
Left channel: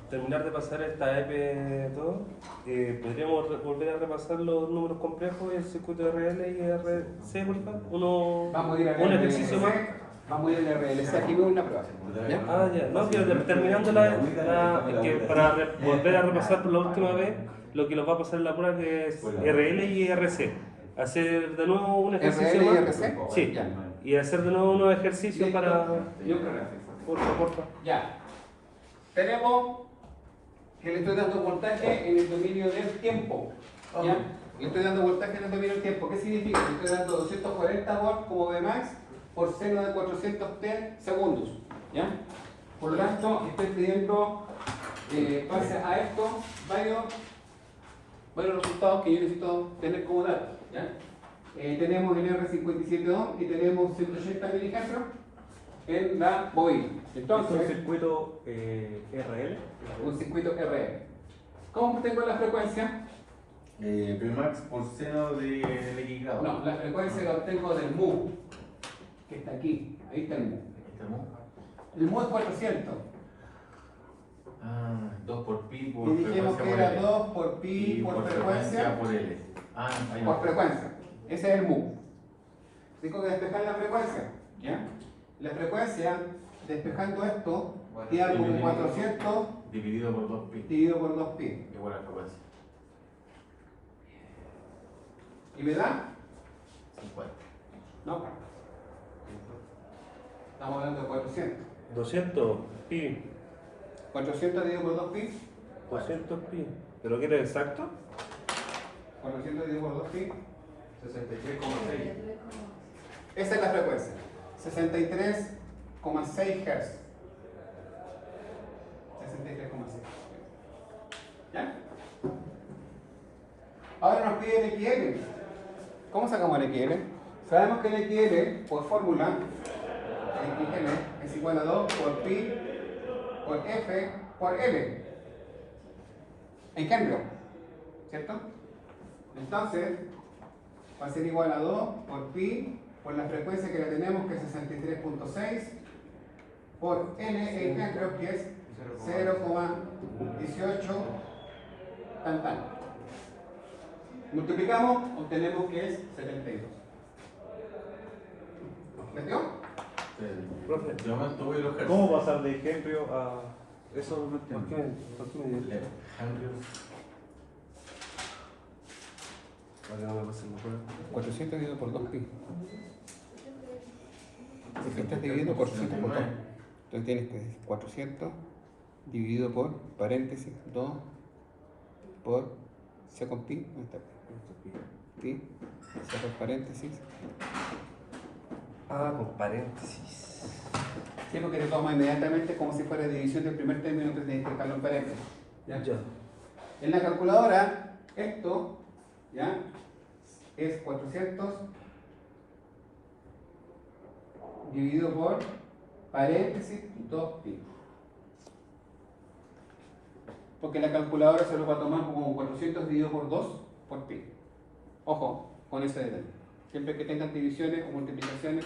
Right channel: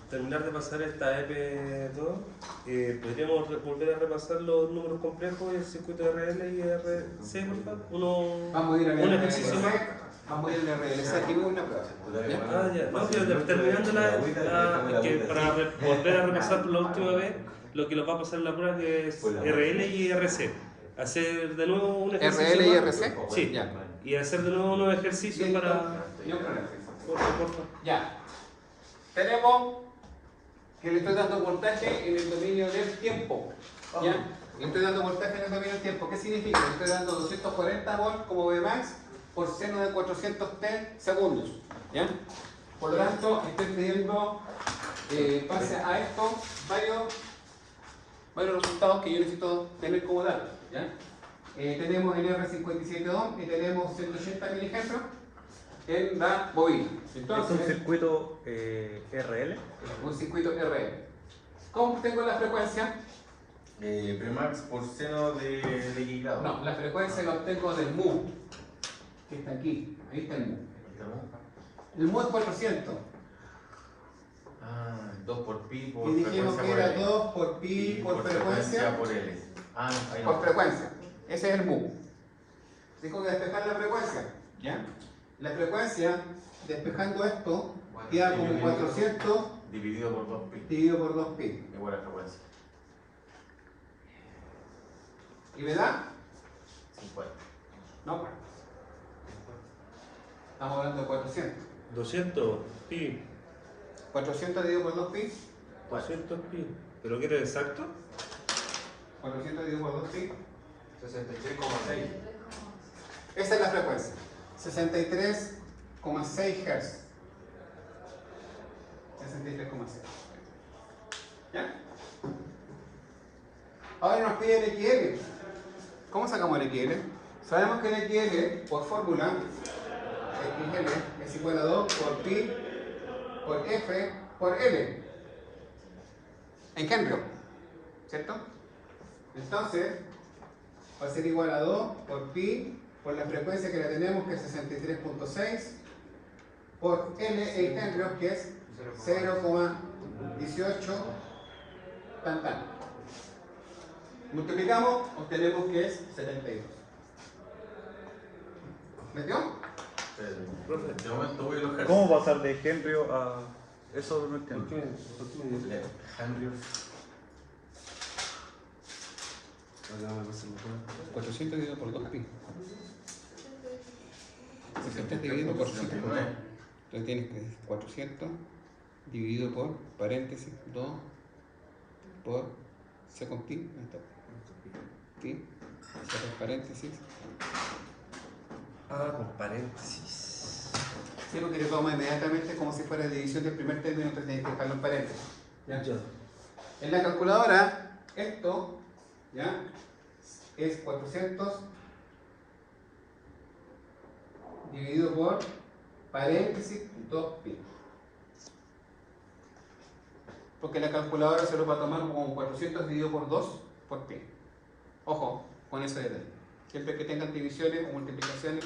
Terminamos terminar de pasar esta EP2, podríamos volver a repasar los números complejos y el circuito RL y RC, por favor. Vamos a ir a un ejercicio más. Vamos a ir a RLC. Aquí veo una prueba. ¿Ya? Ah, ya. No, pero terminando que para volver a repasar por la última vez lo que nos va a pasar en la prueba, que es RL y RC. Hacer de nuevo un ejercicio. ¿RL y más. RC? Sí. Ya. Y hacer de nuevo unos ejercicios para. Y un problema. Por favor. Ya. Tenemos que le estoy dando voltaje en el dominio del tiempo. ¿Ya? Le estoy dando voltaje en el dominio del tiempo. ¿Qué significa? Le estoy dando 240 volts como Vmax por seno de 400t segundos. ¿Ya? Por lo tanto, estoy pidiendo pase a esto varios resultados que yo necesito tener como datos. ¿Ya? Tenemos el R57 ohm y tenemos 180 miliamperes en la bobina. Entonces, ¿Es un circuito RL? un circuito RL. ¿Cómo tengo la frecuencia? Vmax por seno de X grado. No, la frecuencia la obtengo del mu, que está aquí. Ahí está el mu. El mu es 400. Ah, 2 por pi por Y dijimos que era L. 2 por pi Y por frecuencia por L. Ah, ahí por va. frecuencia. Ese es el mu. Tengo que despejar la frecuencia. ¿Ya? La frecuencia, despejando esto, queda como 400 Dividido por 2 pi. dividido por 2 pi. Igual a la frecuencia. ¿Y me da? 50. No. Estamos hablando de 400. 200 pi. 400 dividido por 2 pi. 200 pi. ¿Pero qué era exacto? 400 dividido por 2 pi. 63,6. Esa es la frecuencia. 63,6 Hz. 63,6. ¿Ya? Ahora nos pide el XL. ¿Cómo sacamos el XL? Sabemos que el XL, por fórmula, XL es igual a 2 por pi por F por L. En Henry, ¿cierto? Entonces, va a ser igual a 2 por pi por la frecuencia que la tenemos, que es 63.6, por N en Henry, que es 0,18 tan. Multiplicamos, obtenemos que es 72. ¿Metió? De momento voy a los hercios. ¿Cómo pasar de Henry a eso? No ¿Por qué? entiendo. ¿Por qué me dices? Henry. Ahora me pasa igual. 400 dividido por 2 pi. Si estás dividiendo por 5, entonces tienes que 400 dividido por paréntesis 2 por second pi. Ahí está. Pi, sacas paréntesis. Ah, con paréntesis. Sí, porque le toma inmediatamente como si fuera división del primer término, entonces tienes que dejarlo en paréntesis. ¿Ya? En la calculadora, esto, ¿ya? Es 400 dividido por paréntesis 2pi. Porque la calculadora se los va a tomar como 400 dividido por 2 por pi. Ojo con ese detalle. Siempre que tengan divisiones o multiplicaciones,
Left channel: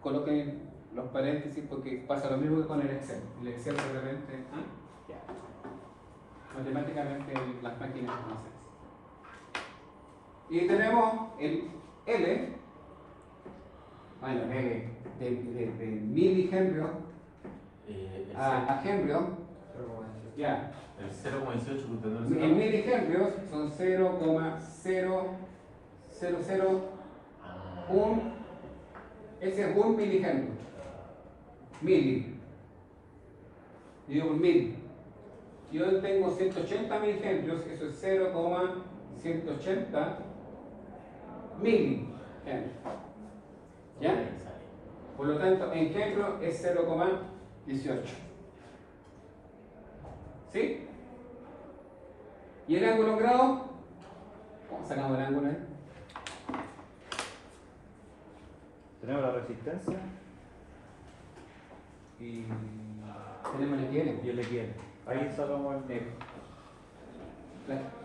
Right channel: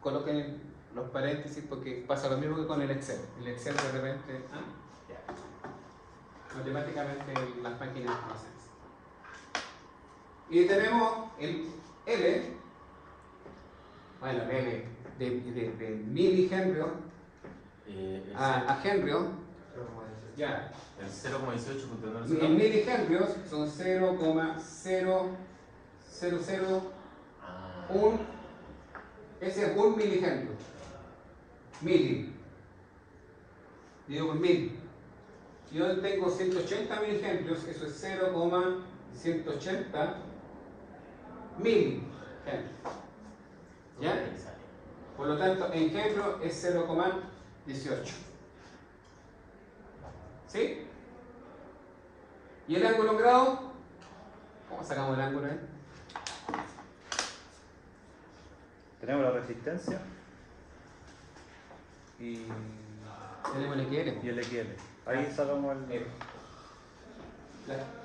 coloquen los paréntesis porque pasa lo mismo que con el Excel. El Excel de repente, matemáticamente las máquinas no hacen eso. Y tenemos el L, bueno, el L de milihenrio a henrio, ya. El 0,18 En milihenrios son 0,0001, ese es 1 milihenrio. Mili. Dividido por 1000. Yo tengo 180 milihenrios, eso es 0,180 milihenrios. ¿Ya? Por lo tanto, en henrio es 0,18. ¿Sí? ¿Y el ángulo en grado? ¿Cómo sacamos el ángulo ahí? Tenemos la resistencia y Tenemos el XL. el XL. Ahí sacamos el.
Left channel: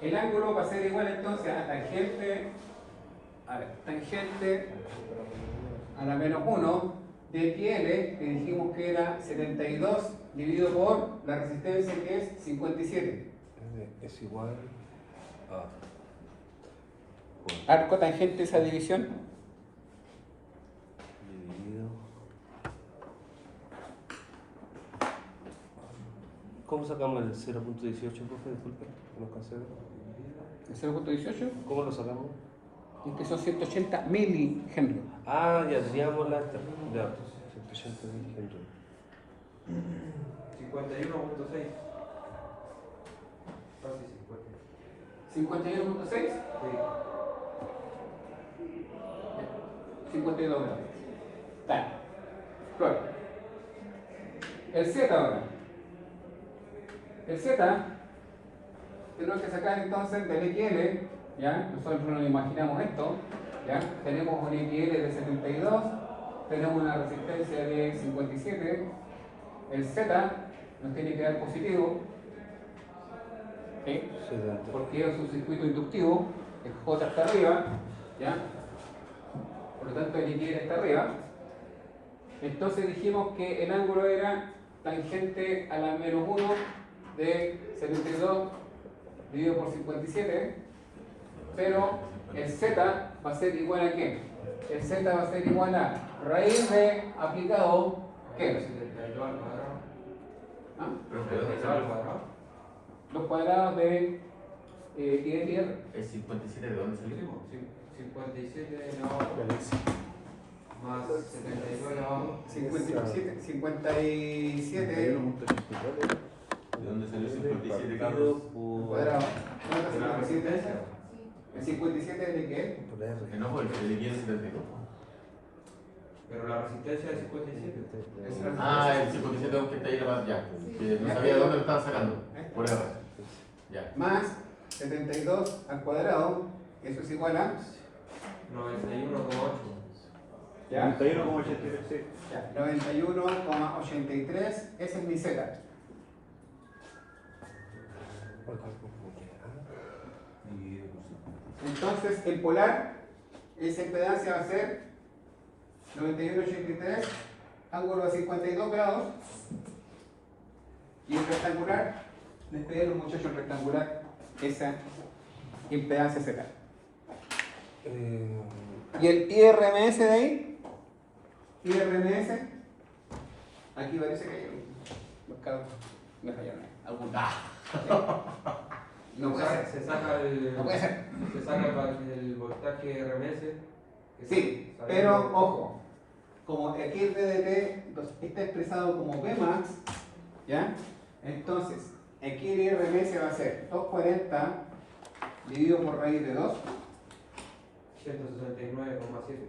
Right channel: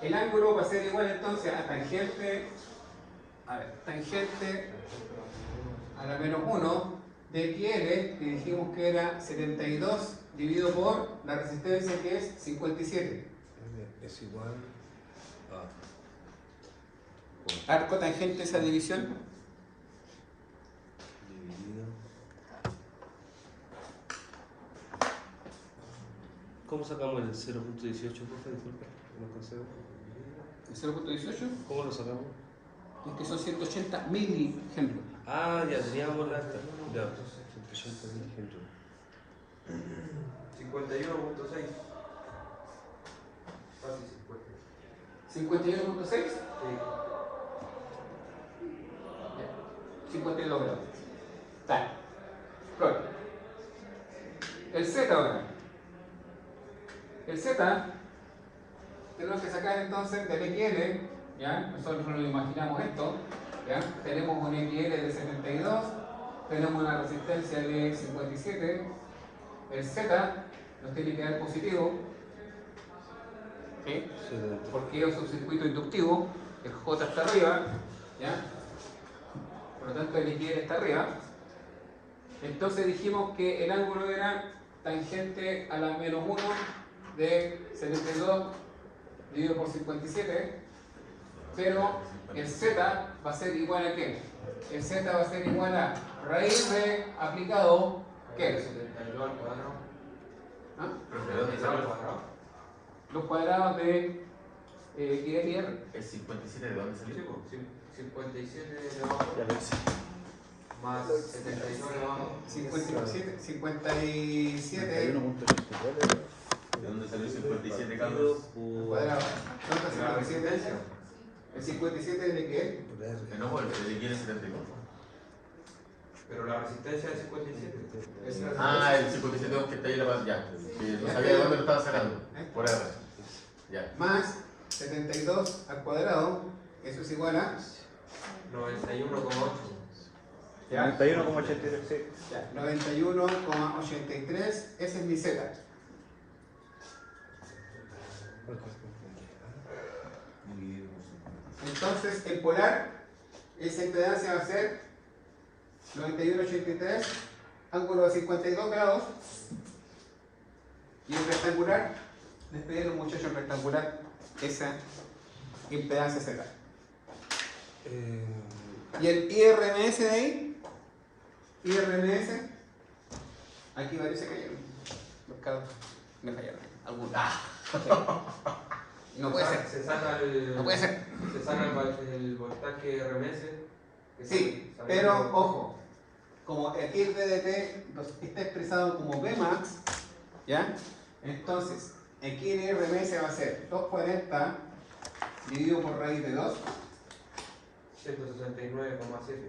El ángulo va a ser igual entonces a tangente, tangente a la menos 1 TXL, que dijimos que era 72 dividido por la resistencia, que es 57. Es igual a Arco tangente esa división. dividido. ¿Cómo sacamos el 0.18, profe? Disculpe, no alcancé a ver. ¿El 0.18? ¿Cómo lo sacamos? Es que son 180 milihenrios. Ah, ya teníamos la. Ya, 180 milihenrios. 51.6. Casi 50. 51.6. Sí. 52 grados. Está. Prueba. El Z ahora. El Z tenemos que sacar entonces del XL, ¿ya? Nosotros nos imaginamos esto, ¿ya? Tenemos un XL de 72, tenemos una resistencia de 57, el Z nos tiene que dar positivo, ¿sí? Porque yo soy un circuito inductivo, el J está arriba, ¿ya? Por lo tanto el XL está arriba. Entonces dijimos que el ángulo era tangente a la menos 1 de 72 dividido por 57, pero el Z va a ser igual a ¿qué? El Z va a ser igual a raíz de aplicado ¿qué? 72 al cuadrado. ¿Ah? ¿72 al cuadrado? Los cuadrados de I de R. ¿El 57 de dónde salió? Sí, 57 elevado a 2 más 72 elevado a 2. 57 ¿De dónde salió el 57 cambios? cuadrados. ¿Cuánto es 57? El 57 es de qué? No, el quiere 71. Pero la resistencia es 57. Ah, el 57 que está ahí en la base, ya. Que no sabía de dónde lo estaba sacando. Por R. Ya. Más 72 al cuadrado, eso es igual a 91,8. ¿ya? 91,83. Ya, 91,83, ese es mi Z. Entonces, en polar, esa impedancia va a ser 91,83, ángulo de 52 grados. Y en rectangular, les pedí a los muchachos en rectangular esa impedancia Z. Y el IRMS de ahí, IRMS, aquí parece que los carros me fallaron. Algunos. No puede ser. Se saca el. No puede ser. Se saca el voltaje RMS. que Sí, sale- pero ojo, como aquí el DDT está expresado como Vmax, ¿ya? Entonces, aquí el IRMS va a ser 240 dividido por raíz de 2, 169,7.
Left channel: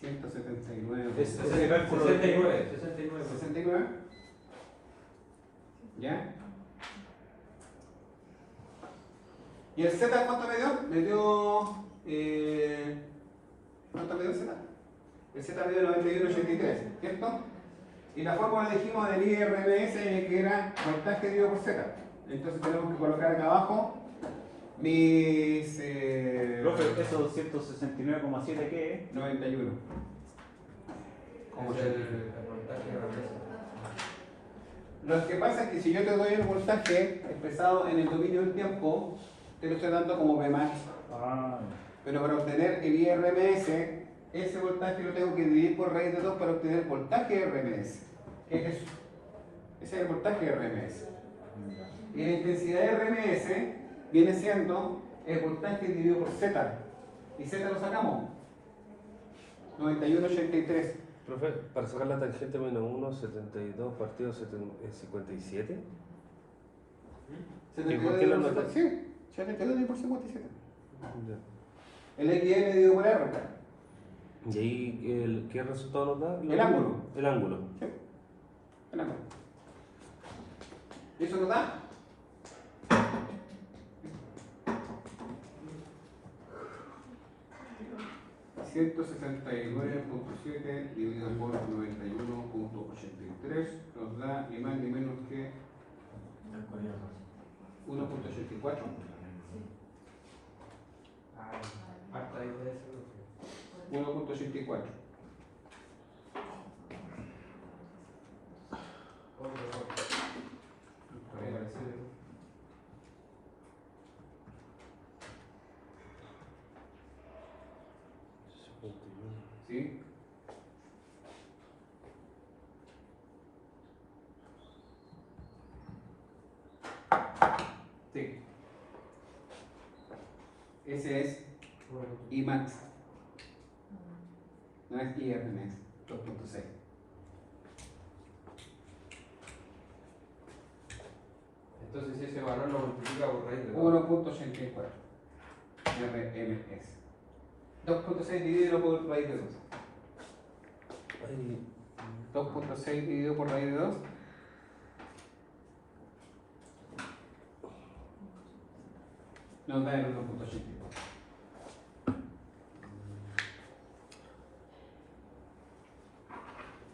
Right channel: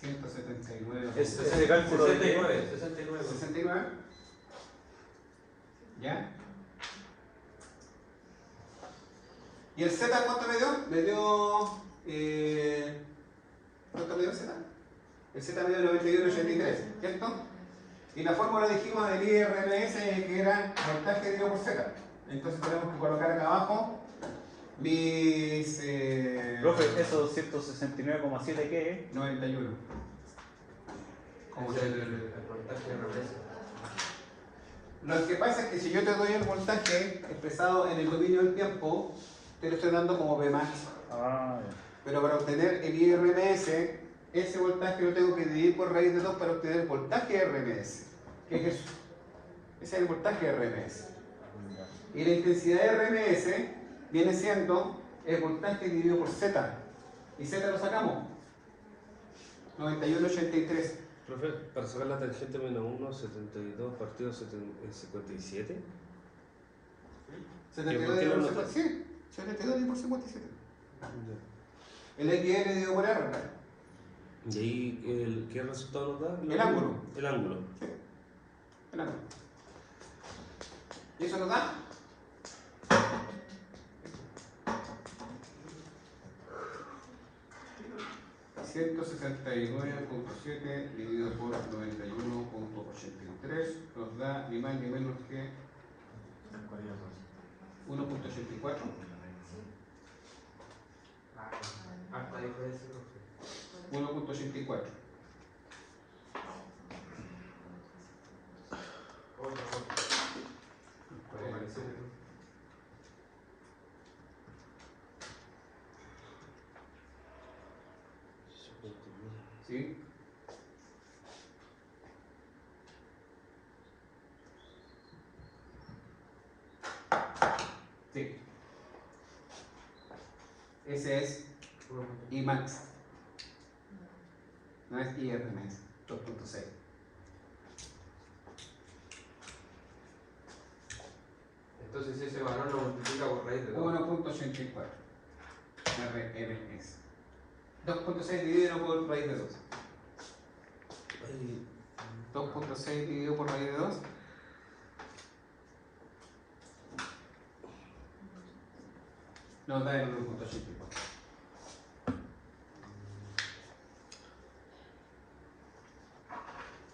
179. Es Ese 69, cálculo 69. 69. 69. ¿Ya? ¿Y el Z cuánto me dio? Me dio. ¿Cuánto me dio el Z? El Z me dio 91,83, ¿cierto? Y la fórmula dijimos del IRMS que era voltaje dividido por Z. Entonces tenemos que colocar acá abajo mis. Profe, eso 169,7 ¿qué es? 91. Es el voltaje RMS. Lo que pasa es que si yo te doy el voltaje expresado en el dominio del tiempo, te lo estoy dando como Vmax. Ah, ya. Pero para obtener el IRMS, ese voltaje lo tengo que dividir por raíz de 2 para obtener el voltaje RMS. ¿Qué es eso? Ese es el voltaje RMS. Y la intensidad RMS viene siendo el voltaje dividido por Z. ¿Y Z lo sacamos? 91,83. Profe, para sacar la tangente menos 1, 72 partido 57. 72 qué dividido no por lo 57. Sí, 72 dividido por 57. Ya. El XL dividido por R. ¿Y ahí qué resultado nos da? El ángulo. El ángulo. Sí. El ángulo. ¿Y eso nos da? $169,7 dividido por 91,83 nos da ni más ni menos que 1,84. Harta diferencia, profe. 1,84. ¿Sí? Sí. Ese es IMAX. No es IRMS. 2.6. Entonces ese valor lo multiplica por raíz de 2. 1.84 RMS. 2.6 dividido por raíz de 2. 2.6 dividido por raíz de 2. Nos da el 1.84.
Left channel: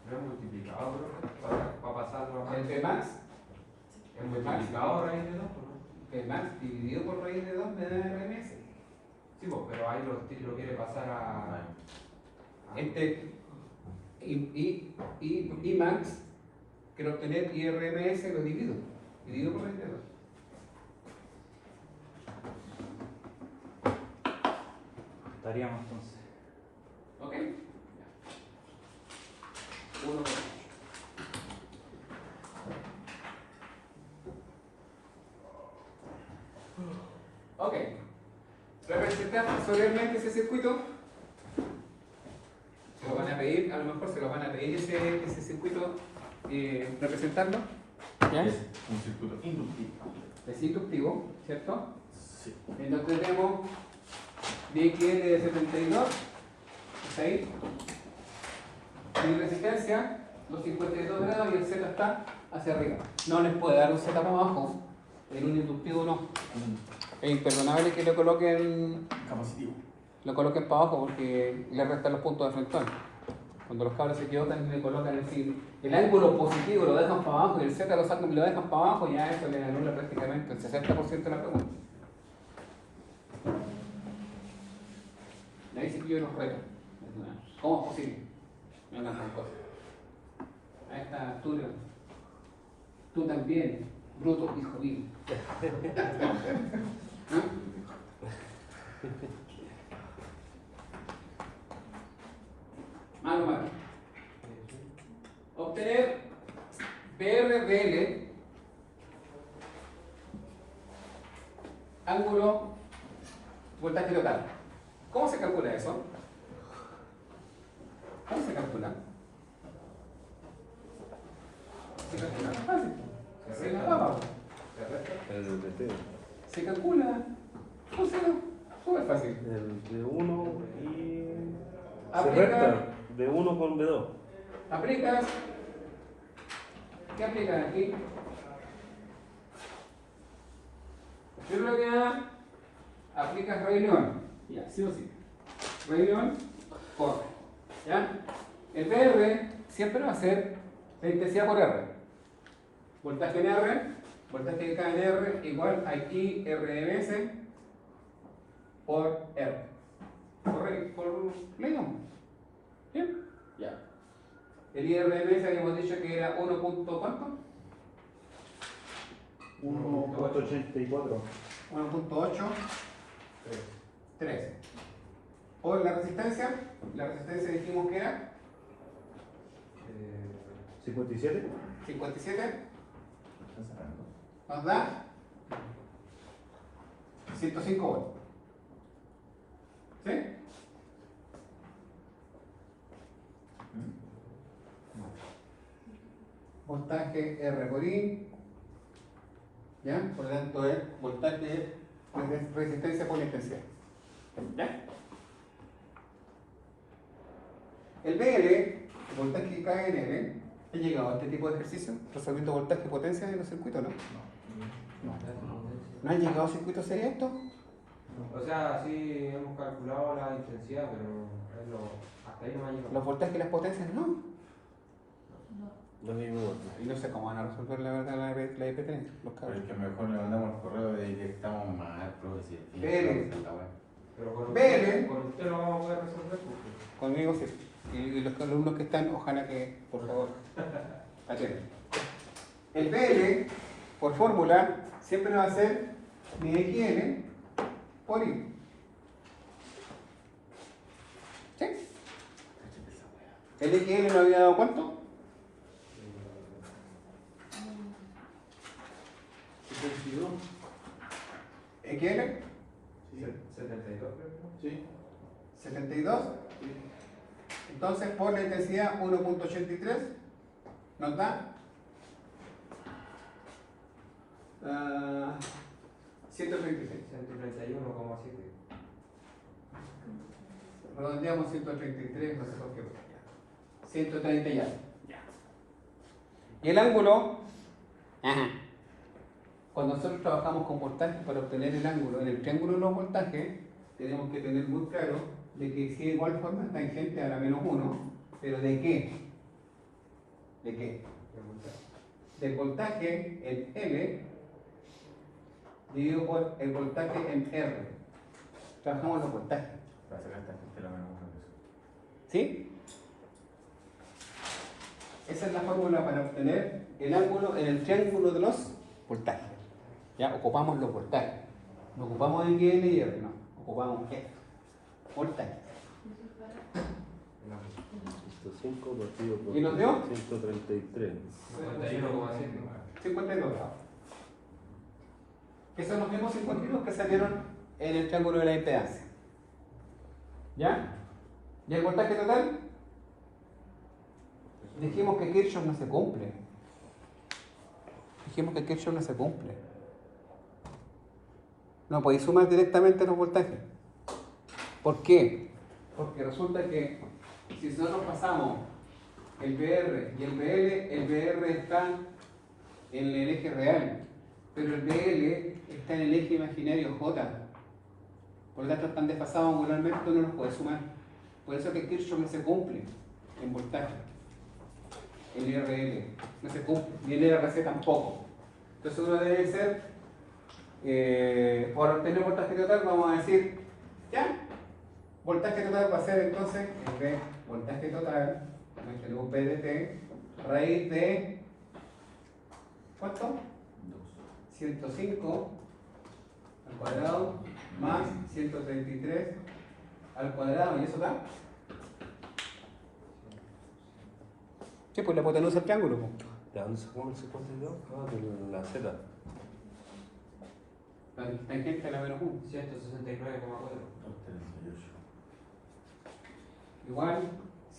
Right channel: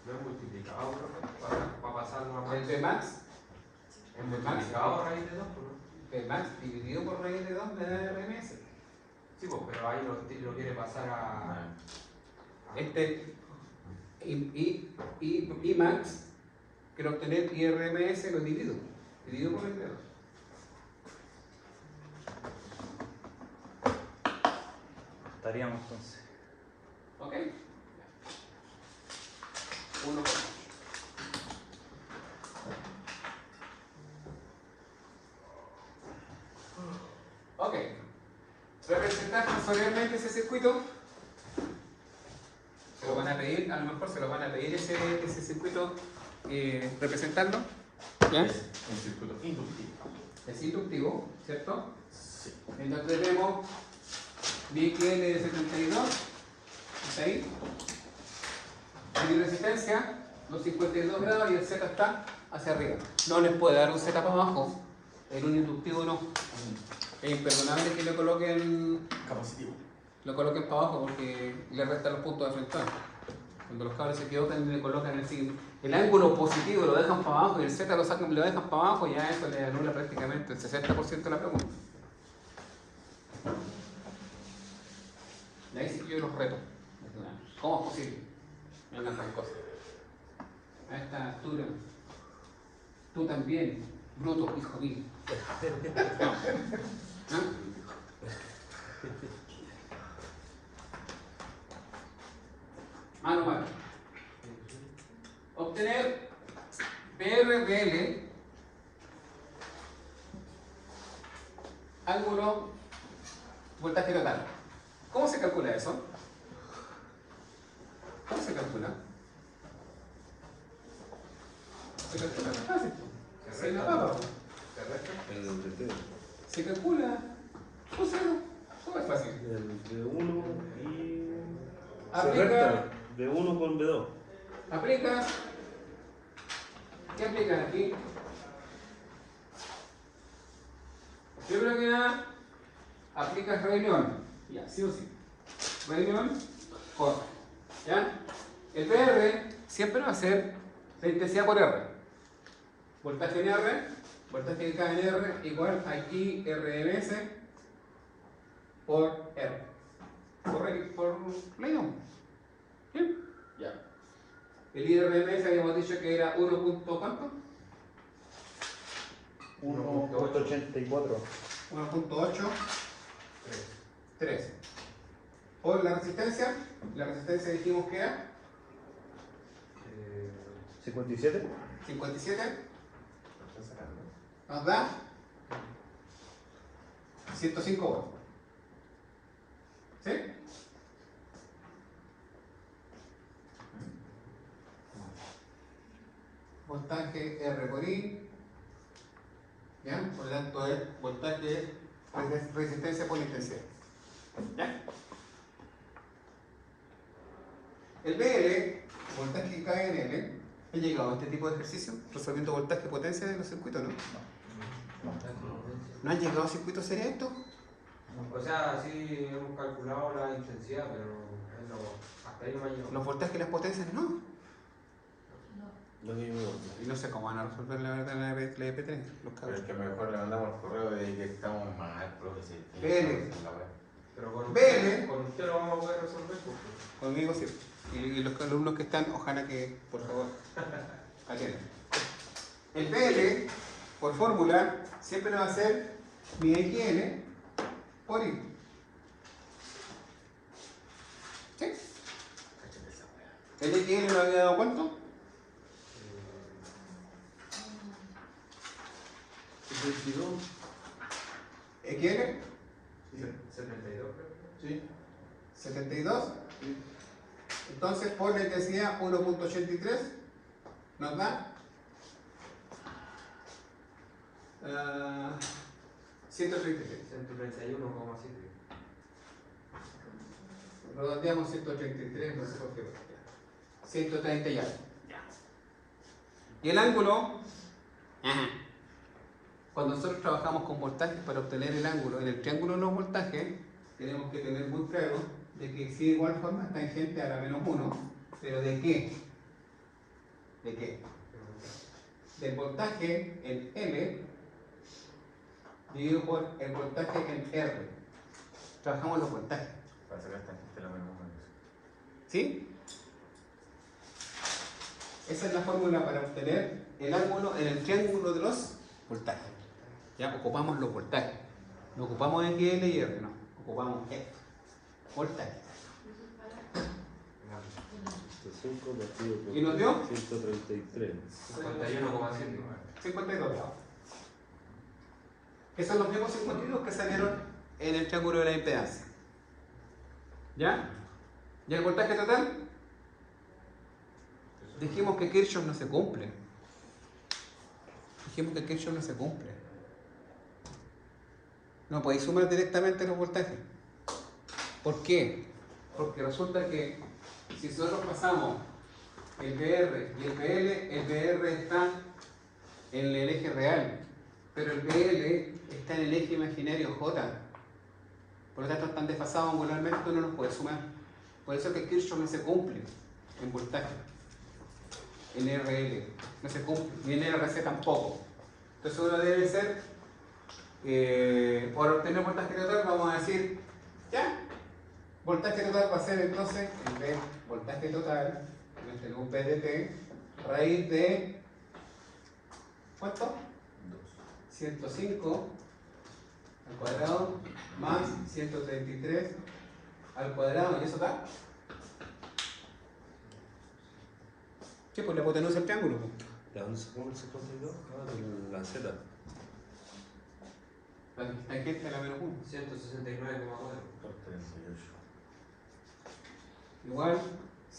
No es multiplicado, para pasarlo a El Bmax. ¿Es multiplicado raíz de 2? Bmax dividido por raíz de 2 me da RMS. Sí, pues, pero ahí lo quiere pasar a... IMAX, quiero obtener IRMS, lo divido. Divido por raíz de 2. Estaríamos entonces. ¿Ok? 1 por 8. Ok. Representar sensorialmente ese circuito. Se lo van a pedir, a lo mejor se lo van a pedir ese circuito, representarlo. ¿Ya? Es un circuito inductivo. Es inductivo, ¿cierto? Sí. Entonces tenemos BQL de 72, está ahí. Y resistencia, los 52 grados y el Z está hacia arriba. No les puede dar un Z para abajo, en un inductivo no. Es imperdonable que lo coloquen para abajo porque le restan los puntos de frontón. Cuando los cabros se equivocan le colocan el ángulo positivo, lo dejan para abajo y el Z lo sacan y lo dejan para abajo, ya eso le anula prácticamente el 60% de la pregunta. De ahí sí que yo los reto. ¿Cómo es posible? Me hagan tan cosas. A esta altura, tú también, bruto, hijo mío. ¿Ah? Mano a mano. Obtener PRPL, ángulo, voltaje total. ¿Cómo se calcula eso? ¿Cómo se calcula? Se calcula, no es fácil. Se la papa. Se calcula. O sea, súper fácil. El 1 y... Aplica. De 1 con B2. Aplicas. ¿Qué aplicas aquí? Primero que nada, aplicas reunión. Ya, sí o sí. Reunión, corta. ¿Ya? El PR siempre va a ser la intensidad por R. Voltaje en R, voltaje que cae en R, igual a IRMS por R. Por ley. ¿Bien? Ya. El IRMS habíamos dicho que era 1. ¿Cuánto? 1.84. 1.8. 3. Por la resistencia dijimos que era 57. 57. Nos da 105 volts. ¿Sí? Voltaje R por I. ¿Ya? Por lo tanto es voltaje resistencia por intensidad. ¿Ya? El BL, voltaje que cae en L, ¿ha llegado a este tipo de ejercicio? Resolviendo voltaje y potencia de los circuitos, ¿no? ¿No han llegado a circuitos serios esto? O sea, sí hemos calculado la intensidad, pero es hasta ahí no me ha llegado. Los voltajes y las potencias no. Lo mismo. Y no sé cómo van a resolver la verdad la EP3, los cabros. Es que mejor le mandamos correo de que estamos mal, profesor. Vele. Pero con Vele. con usted lo vamos a poder resolver. Porque... Conmigo sí. Y los alumnos que están, ojalá que, por favor, atiendan. El PL, por fórmula, siempre va a ser mi XN por I. ¿Sí? ¿El XL le había dado cuánto? 22. ¿XL? 72 creo. Sí. 72. Entonces, por la intensidad 1.83 nos da 136. 131,7. Redondeamos 133, no sé por qué. 130 ya. Y el ángulo, cuando nosotros trabajamos con voltajes para obtener el ángulo en el triángulo de los voltajes, tenemos que tener muy claro de que si de igual forma es tangente a la menos 1, pero ¿de qué? ¿De qué? Del voltaje en M dividido por el voltaje en R. Trabajamos los voltajes. Para sacar esta gente la menos uno. ¿Sí? Esa es la fórmula para obtener el ángulo en el triángulo de los voltajes. Ya ocupamos los voltajes. No ocupamos en GL y R, no. Ocupamos esto. Voltaje. ¿Y nos dio? 133. 51,7. 52 grados. Que son los mismos 52 que salieron en el triángulo de la impedancia. ¿Ya? ¿Y el voltaje total? Dijimos que Kirchhoff no se cumple. No podéis sumar directamente los voltajes. ¿Por qué? Porque resulta que si nosotros pasamos el VR y el BL, el VR está en el eje real, pero el BL está en el eje imaginario J. Por lo tanto están desfasados angularmente, tú no los puedes sumar. Por eso que Kirchhoff no se cumple en voltaje. En RL no se cumple, ni en RC tampoco. Entonces uno debe ser, para obtener voltaje total, vamos a decir, ya, voltaje total va a ser entonces, en vez de voltaje total, tenemos P de T, raíz de, ¿cuánto? 105 al cuadrado más 133 al cuadrado, ¿y eso da? ¿Qué? Pues la hipotenusa del triángulo. ¿De dónde sacamos el 52? Ah, de la Z. La tangente a la menos 1. 169,4. Igual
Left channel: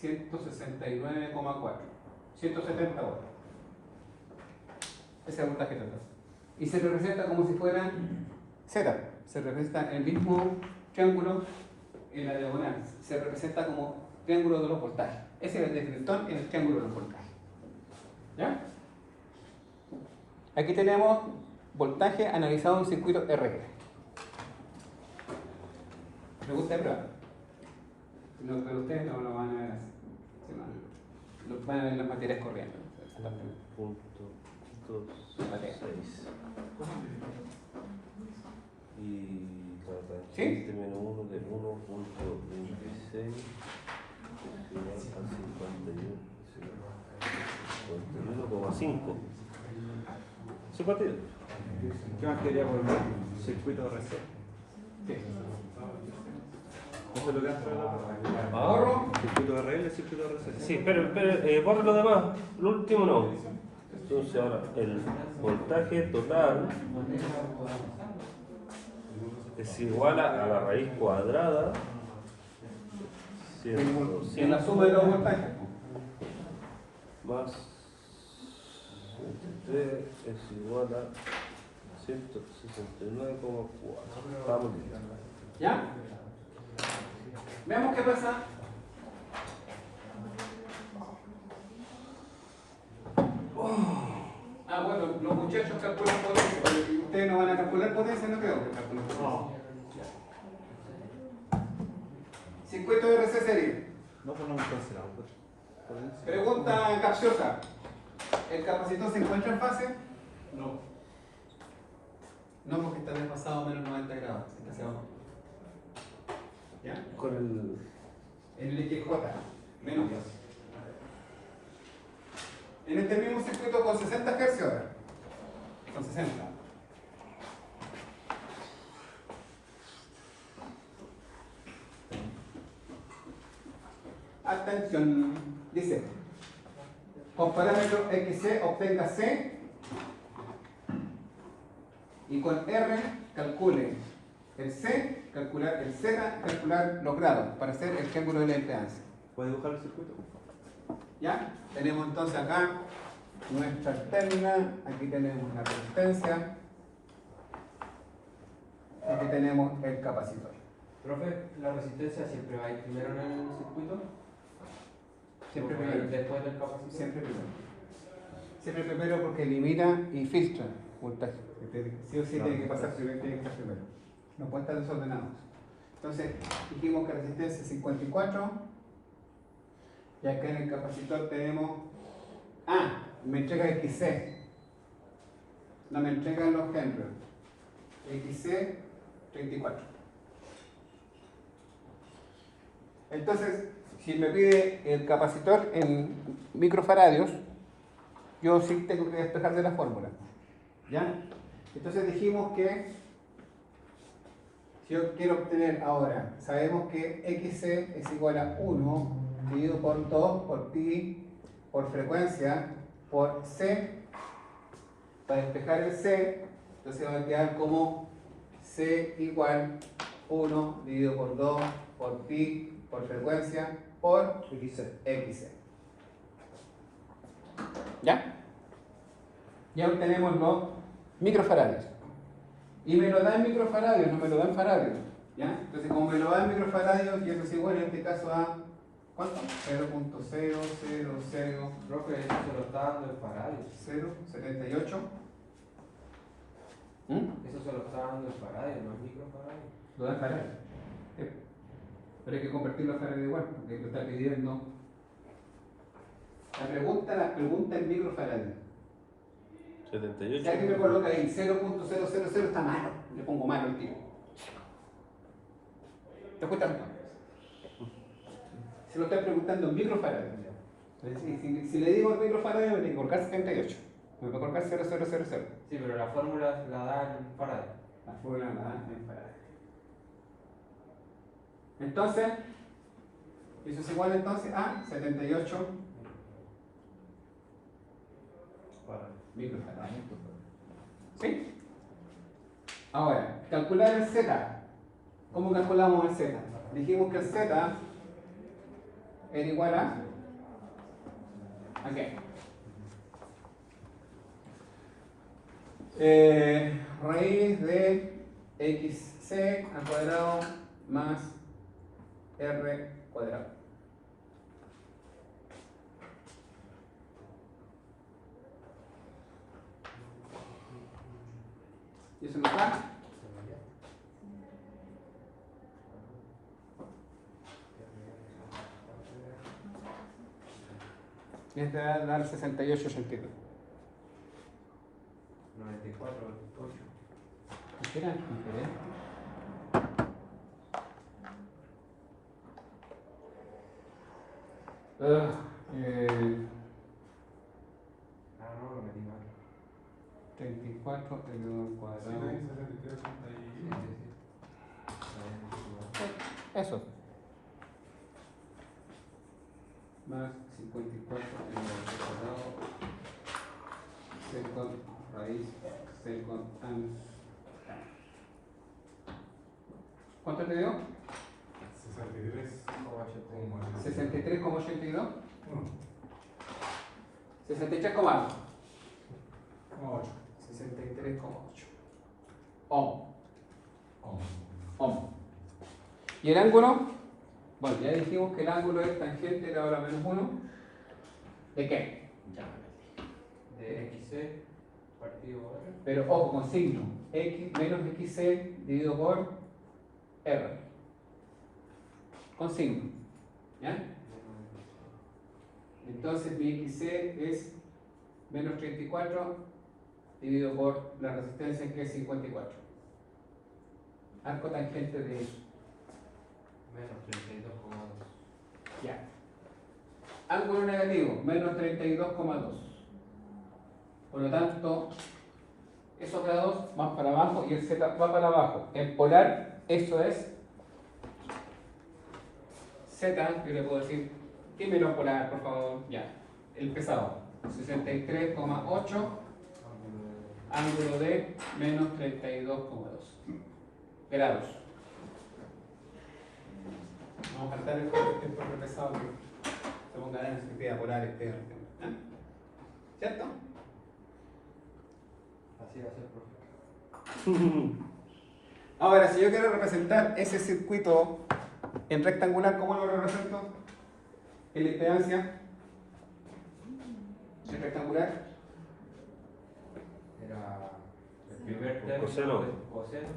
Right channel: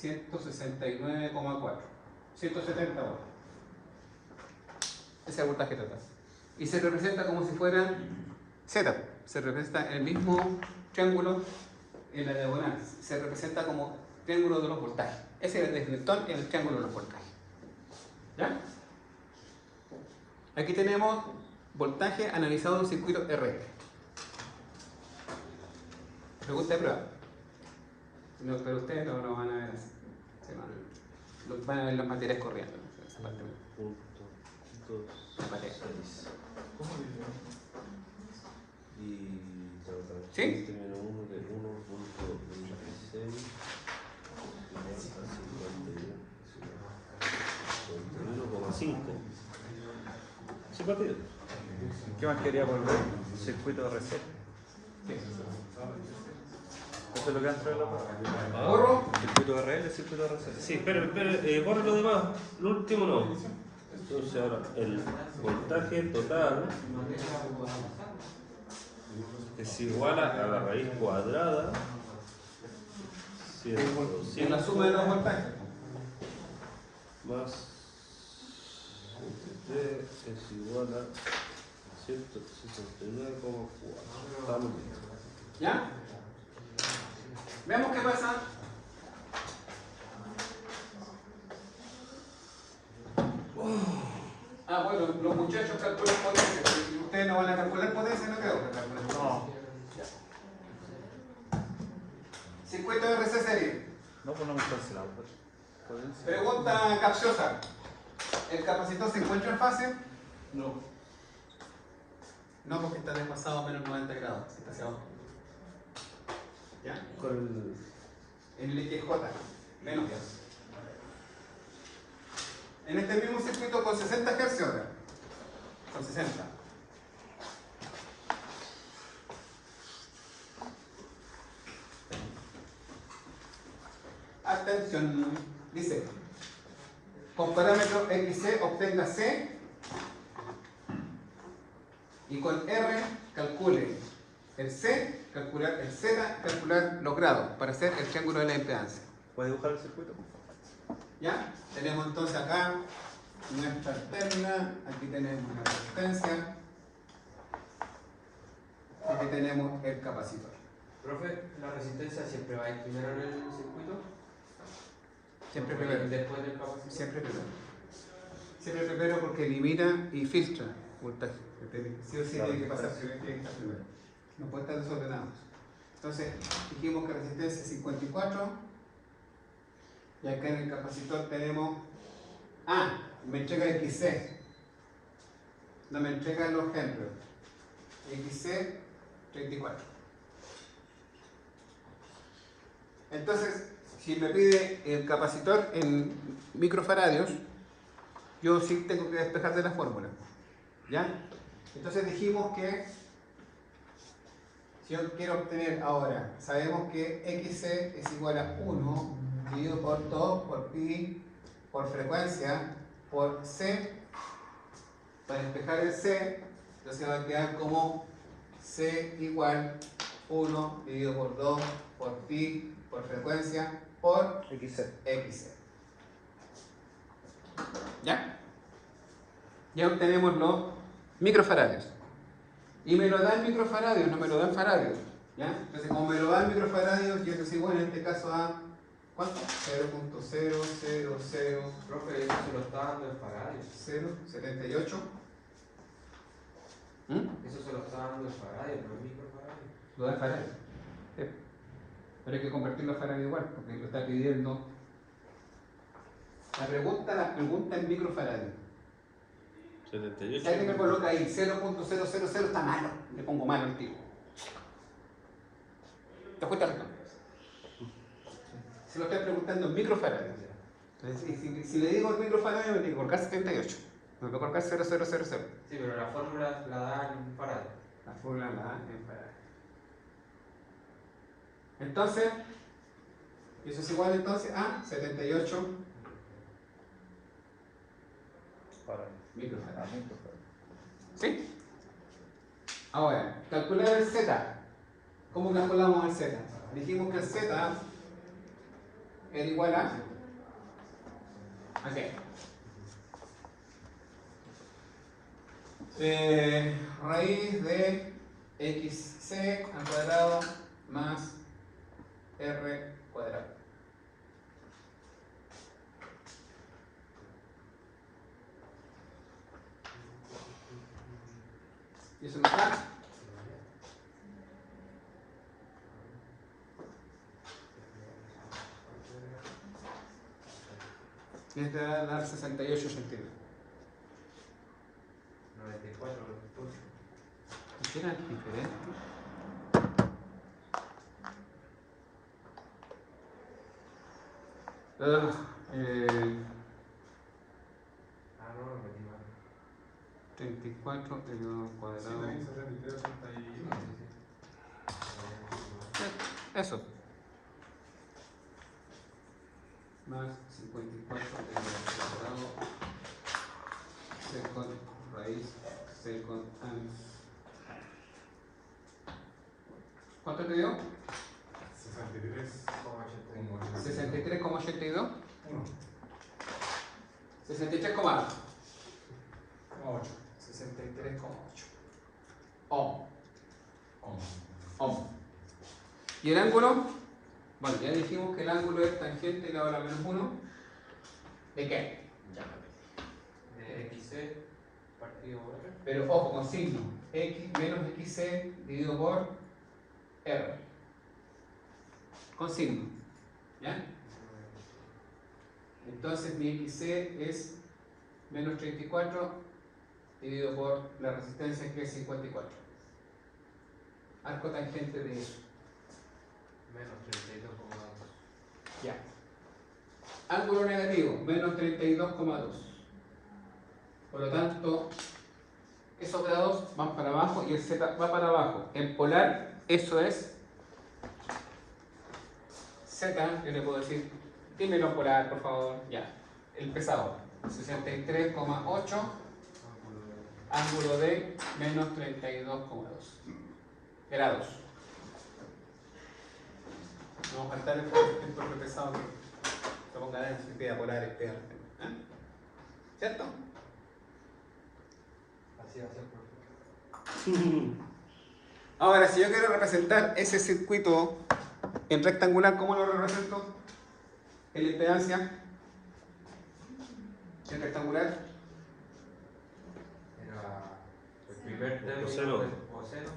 169,4. 170 watts. Ese es el voltaje total. Y se representa como si fuera Z. Se representa en el mismo triángulo en la diagonal. Se representa como triángulo de los voltajes. Ese es el deflector en el triángulo de los voltajes. ¿Ya? Aquí tenemos voltaje analizado en un circuito RL. Pregunta de prueba. No, pero ustedes no lo van a ver así. Sí, no, van a ver las materias corriendo. Esa parte no. Punto 2, Patea. 6. Y ¿Sí? menos 1 del 1.36. 51,5. Simpatía. ¿Qué más quería volver? Circuito RC. Sí. ¿Esto es lo que hace ¿Ahorro? circuito RL, circuito RC? Sí, pero borra lo demás. Lo último no. Entonces ahora el voltaje total es igual a la raíz cuadrada. En la suma de los voltajes. Más 3 es igual a 169,4. Estamos bien. ¿Ya? Veamos qué pasa. Ah, bueno, los muchachos calculan potencia. Pero ustedes no van a calcular potencia, no creo. No. Circuito de RC serie. No ponemos cancelado. Pregunta capciosa. ¿El capacitor se encuentra en fase? No. No, porque está desfasado a menos 90 grados. Está hacia abajo. ¿Ya? Con el. En el eje J, menos 10. En este mismo circuito con 60 Hz ahora. Con 60. Atención. Dice, con parámetro XC obtenga C y con R calcule el C, calcular el Z, calcular los grados para hacer el triángulo de la impedancia. ¿Puedes dibujar el circuito? ¿Ya? Tenemos entonces acá nuestra terna, aquí tenemos la resistencia, aquí tenemos el capacitor. Profe, ¿la resistencia siempre va a ir primero en el circuito? Siempre ¿O primero. después del capacitor? Siempre primero. Siempre primero porque elimina y filtra voltaje. Sí o sí tiene que pasar, tiene que estar primero. No pueden estar desordenados. Entonces, dijimos que resistencia es 54. Y acá en el capacitor tenemos. Me entrega XC. No me entrega los henry. XC 34. Entonces, si me pide el capacitor en microfaradios, yo sí tengo que despejar de la fórmula. ¿Ya? Entonces dijimos que si yo quiero obtener ahora, sabemos que XC es igual a 1 dividido por 2 por pi por frecuencia por C. Para despejar el C, entonces va a quedar como C igual 1 dividido por 2 por pi por frecuencia por XC. ¿Ya? Ya obtenemos los microfaradios. Y me lo da en microfaradios, no me lo da en faradios. ¿Ya? Entonces, como me lo da en microfaradios, y eso es igual en este caso a ¿cuánto? 0.000 Profe, eso se lo está dando el faradio. 0.78. Eso se lo está dando el faradio, no el microfaradio. Lo da en faradios. Pero hay que convertirlo a faradio igual, porque lo está pidiendo. La pregunta en microfaradios. 78. Si alguien me coloca ahí 0.000 está malo, le pongo malo el tipo. ¿Te das cuenta? Se lo estoy preguntando en microfaradios. Entonces, si le digo en microfaradios, me tiene que colocar 78. Me voy a colocar 0000. Sí, pero la fórmula la da el faradio. La fórmula la da en faradios. Entonces, eso es igual entonces a 78 microfaradios. ¿Sí? Ahora, calcular el Z. ¿Cómo calculamos el Z? Dijimos que el Z era igual a qué? Raíz de XC al cuadrado más R cuadrado. ¿Y eso nos da? Y este va a dar 68 centímetros. 94, 98. ¿Qué era diferente? No, me metí mal. 34 elevado al cuadrado. Eso. Más 54 elevado al cuadrado. Second raíz, second and. ¿Cuánto te dio? 63,82. 63,8. 63,8. Ohm. ¿Y el ángulo? Bueno, ya dijimos que el ángulo es tangente de la hora menos 1. ¿De qué? De XC partido por R. Pero ojo, con signo. X menos XC dividido por R. Con signo. ¿Ya? Entonces mi XC es menos 34 dividido por la resistencia que es 54. Arco tangente de eso. Menos 32,2. Ya. Ángulo negativo, menos 32,2. Por lo tanto, esos grados van para abajo y el Z va para abajo. En polar, eso es Z, yo le puedo decir Dímelo polar, por favor. Ya. El pesado. 63,8. Ángulo de menos 32,2 grados. No vamos a faltar el profe pesado que se ponga en su idea polar. ¿Eh? ¿Cierto? Así va a ser, profe. Ahora, si yo quiero representar ese circuito en rectangular, ¿cómo lo represento? En la impedancia en rectangular. Era el primer término Coseno. del coseno.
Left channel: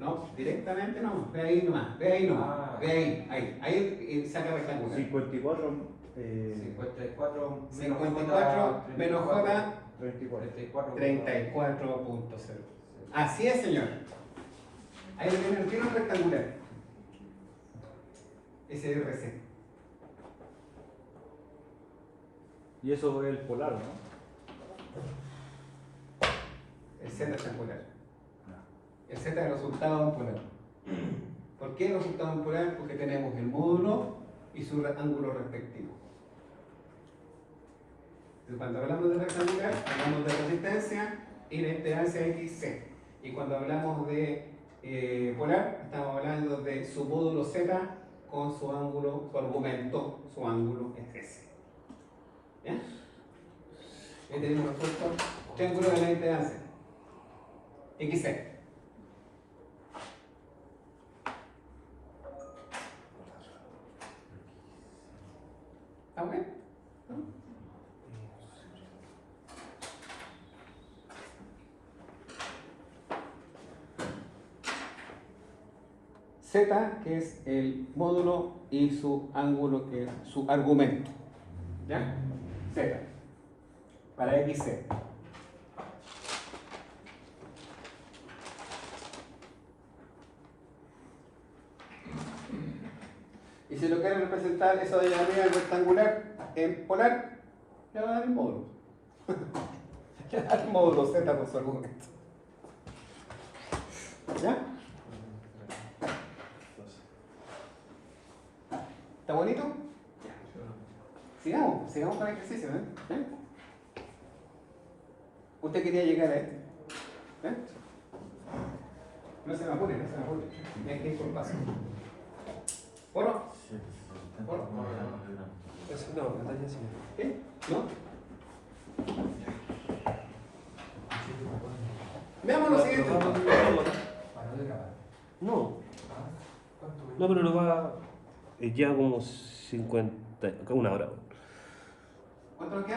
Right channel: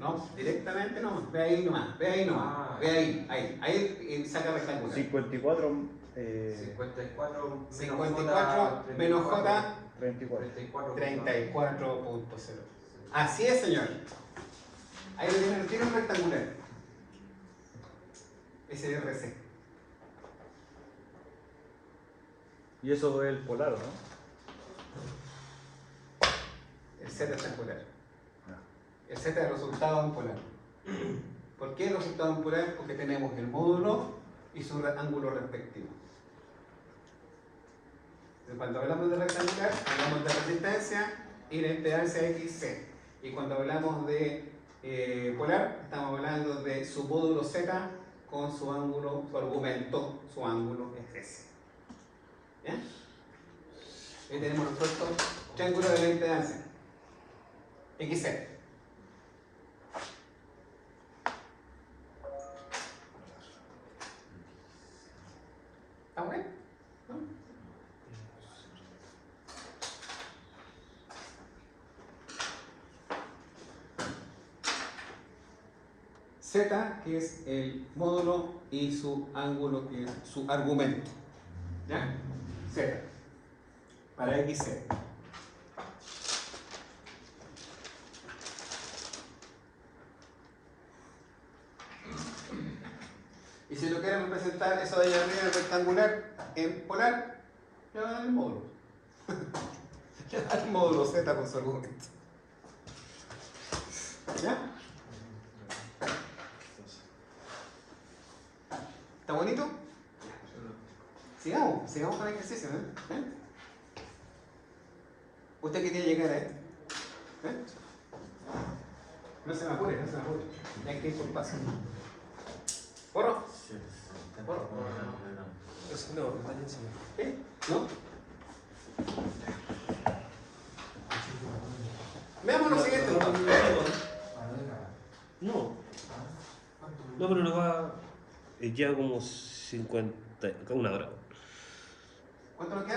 No, directamente no. Ve ahí nomás. Ve ahí nomás. Ah. Ve ahí. Ahí saca rectangular. 54, 54 54 menos J, 34. 34.0. Así es, señor. Ahí lo tienen, tiene un rectangular. SRC. Y eso es el polar, ¿no? El Z rectangular. El Z es el resultado en polar. ¿Por qué el resultado en polar? Porque tenemos el módulo y su ángulo respectivo. Entonces, cuando hablamos de rectangular, hablamos de resistencia y la impedancia XC. Y cuando hablamos de polar, estamos hablando de su módulo Z con su ángulo, su argumento, su ángulo es ¿ya? Ahí tenemos resuelto triángulo de la impedancia XC. ¿Está bueno? ¿No? Z, que es el módulo, y su ángulo, que es su argumento. ¿Ya? Z. Para XC. Y si lo quieren representar eso de allá arriba en rectangular, en polar, ya va a dar el módulo. Ya va a dar el módulo Z con su argumento. ¿Ya? ¿Está bonito? Ya. Sigamos con el ejercicio, ¿eh? ¿Ven? ¿Usted quería llegar a esto? ¿Eh? No se me apure, no se me apure. Hay que ir por paso. ¿Porro? No, mañana sí. ¿Sí? ¿No? Veamos lo siguiente entonces. No. No, pero lo va. Ya como 50. Como una hora. ¿Cuánto nos queda?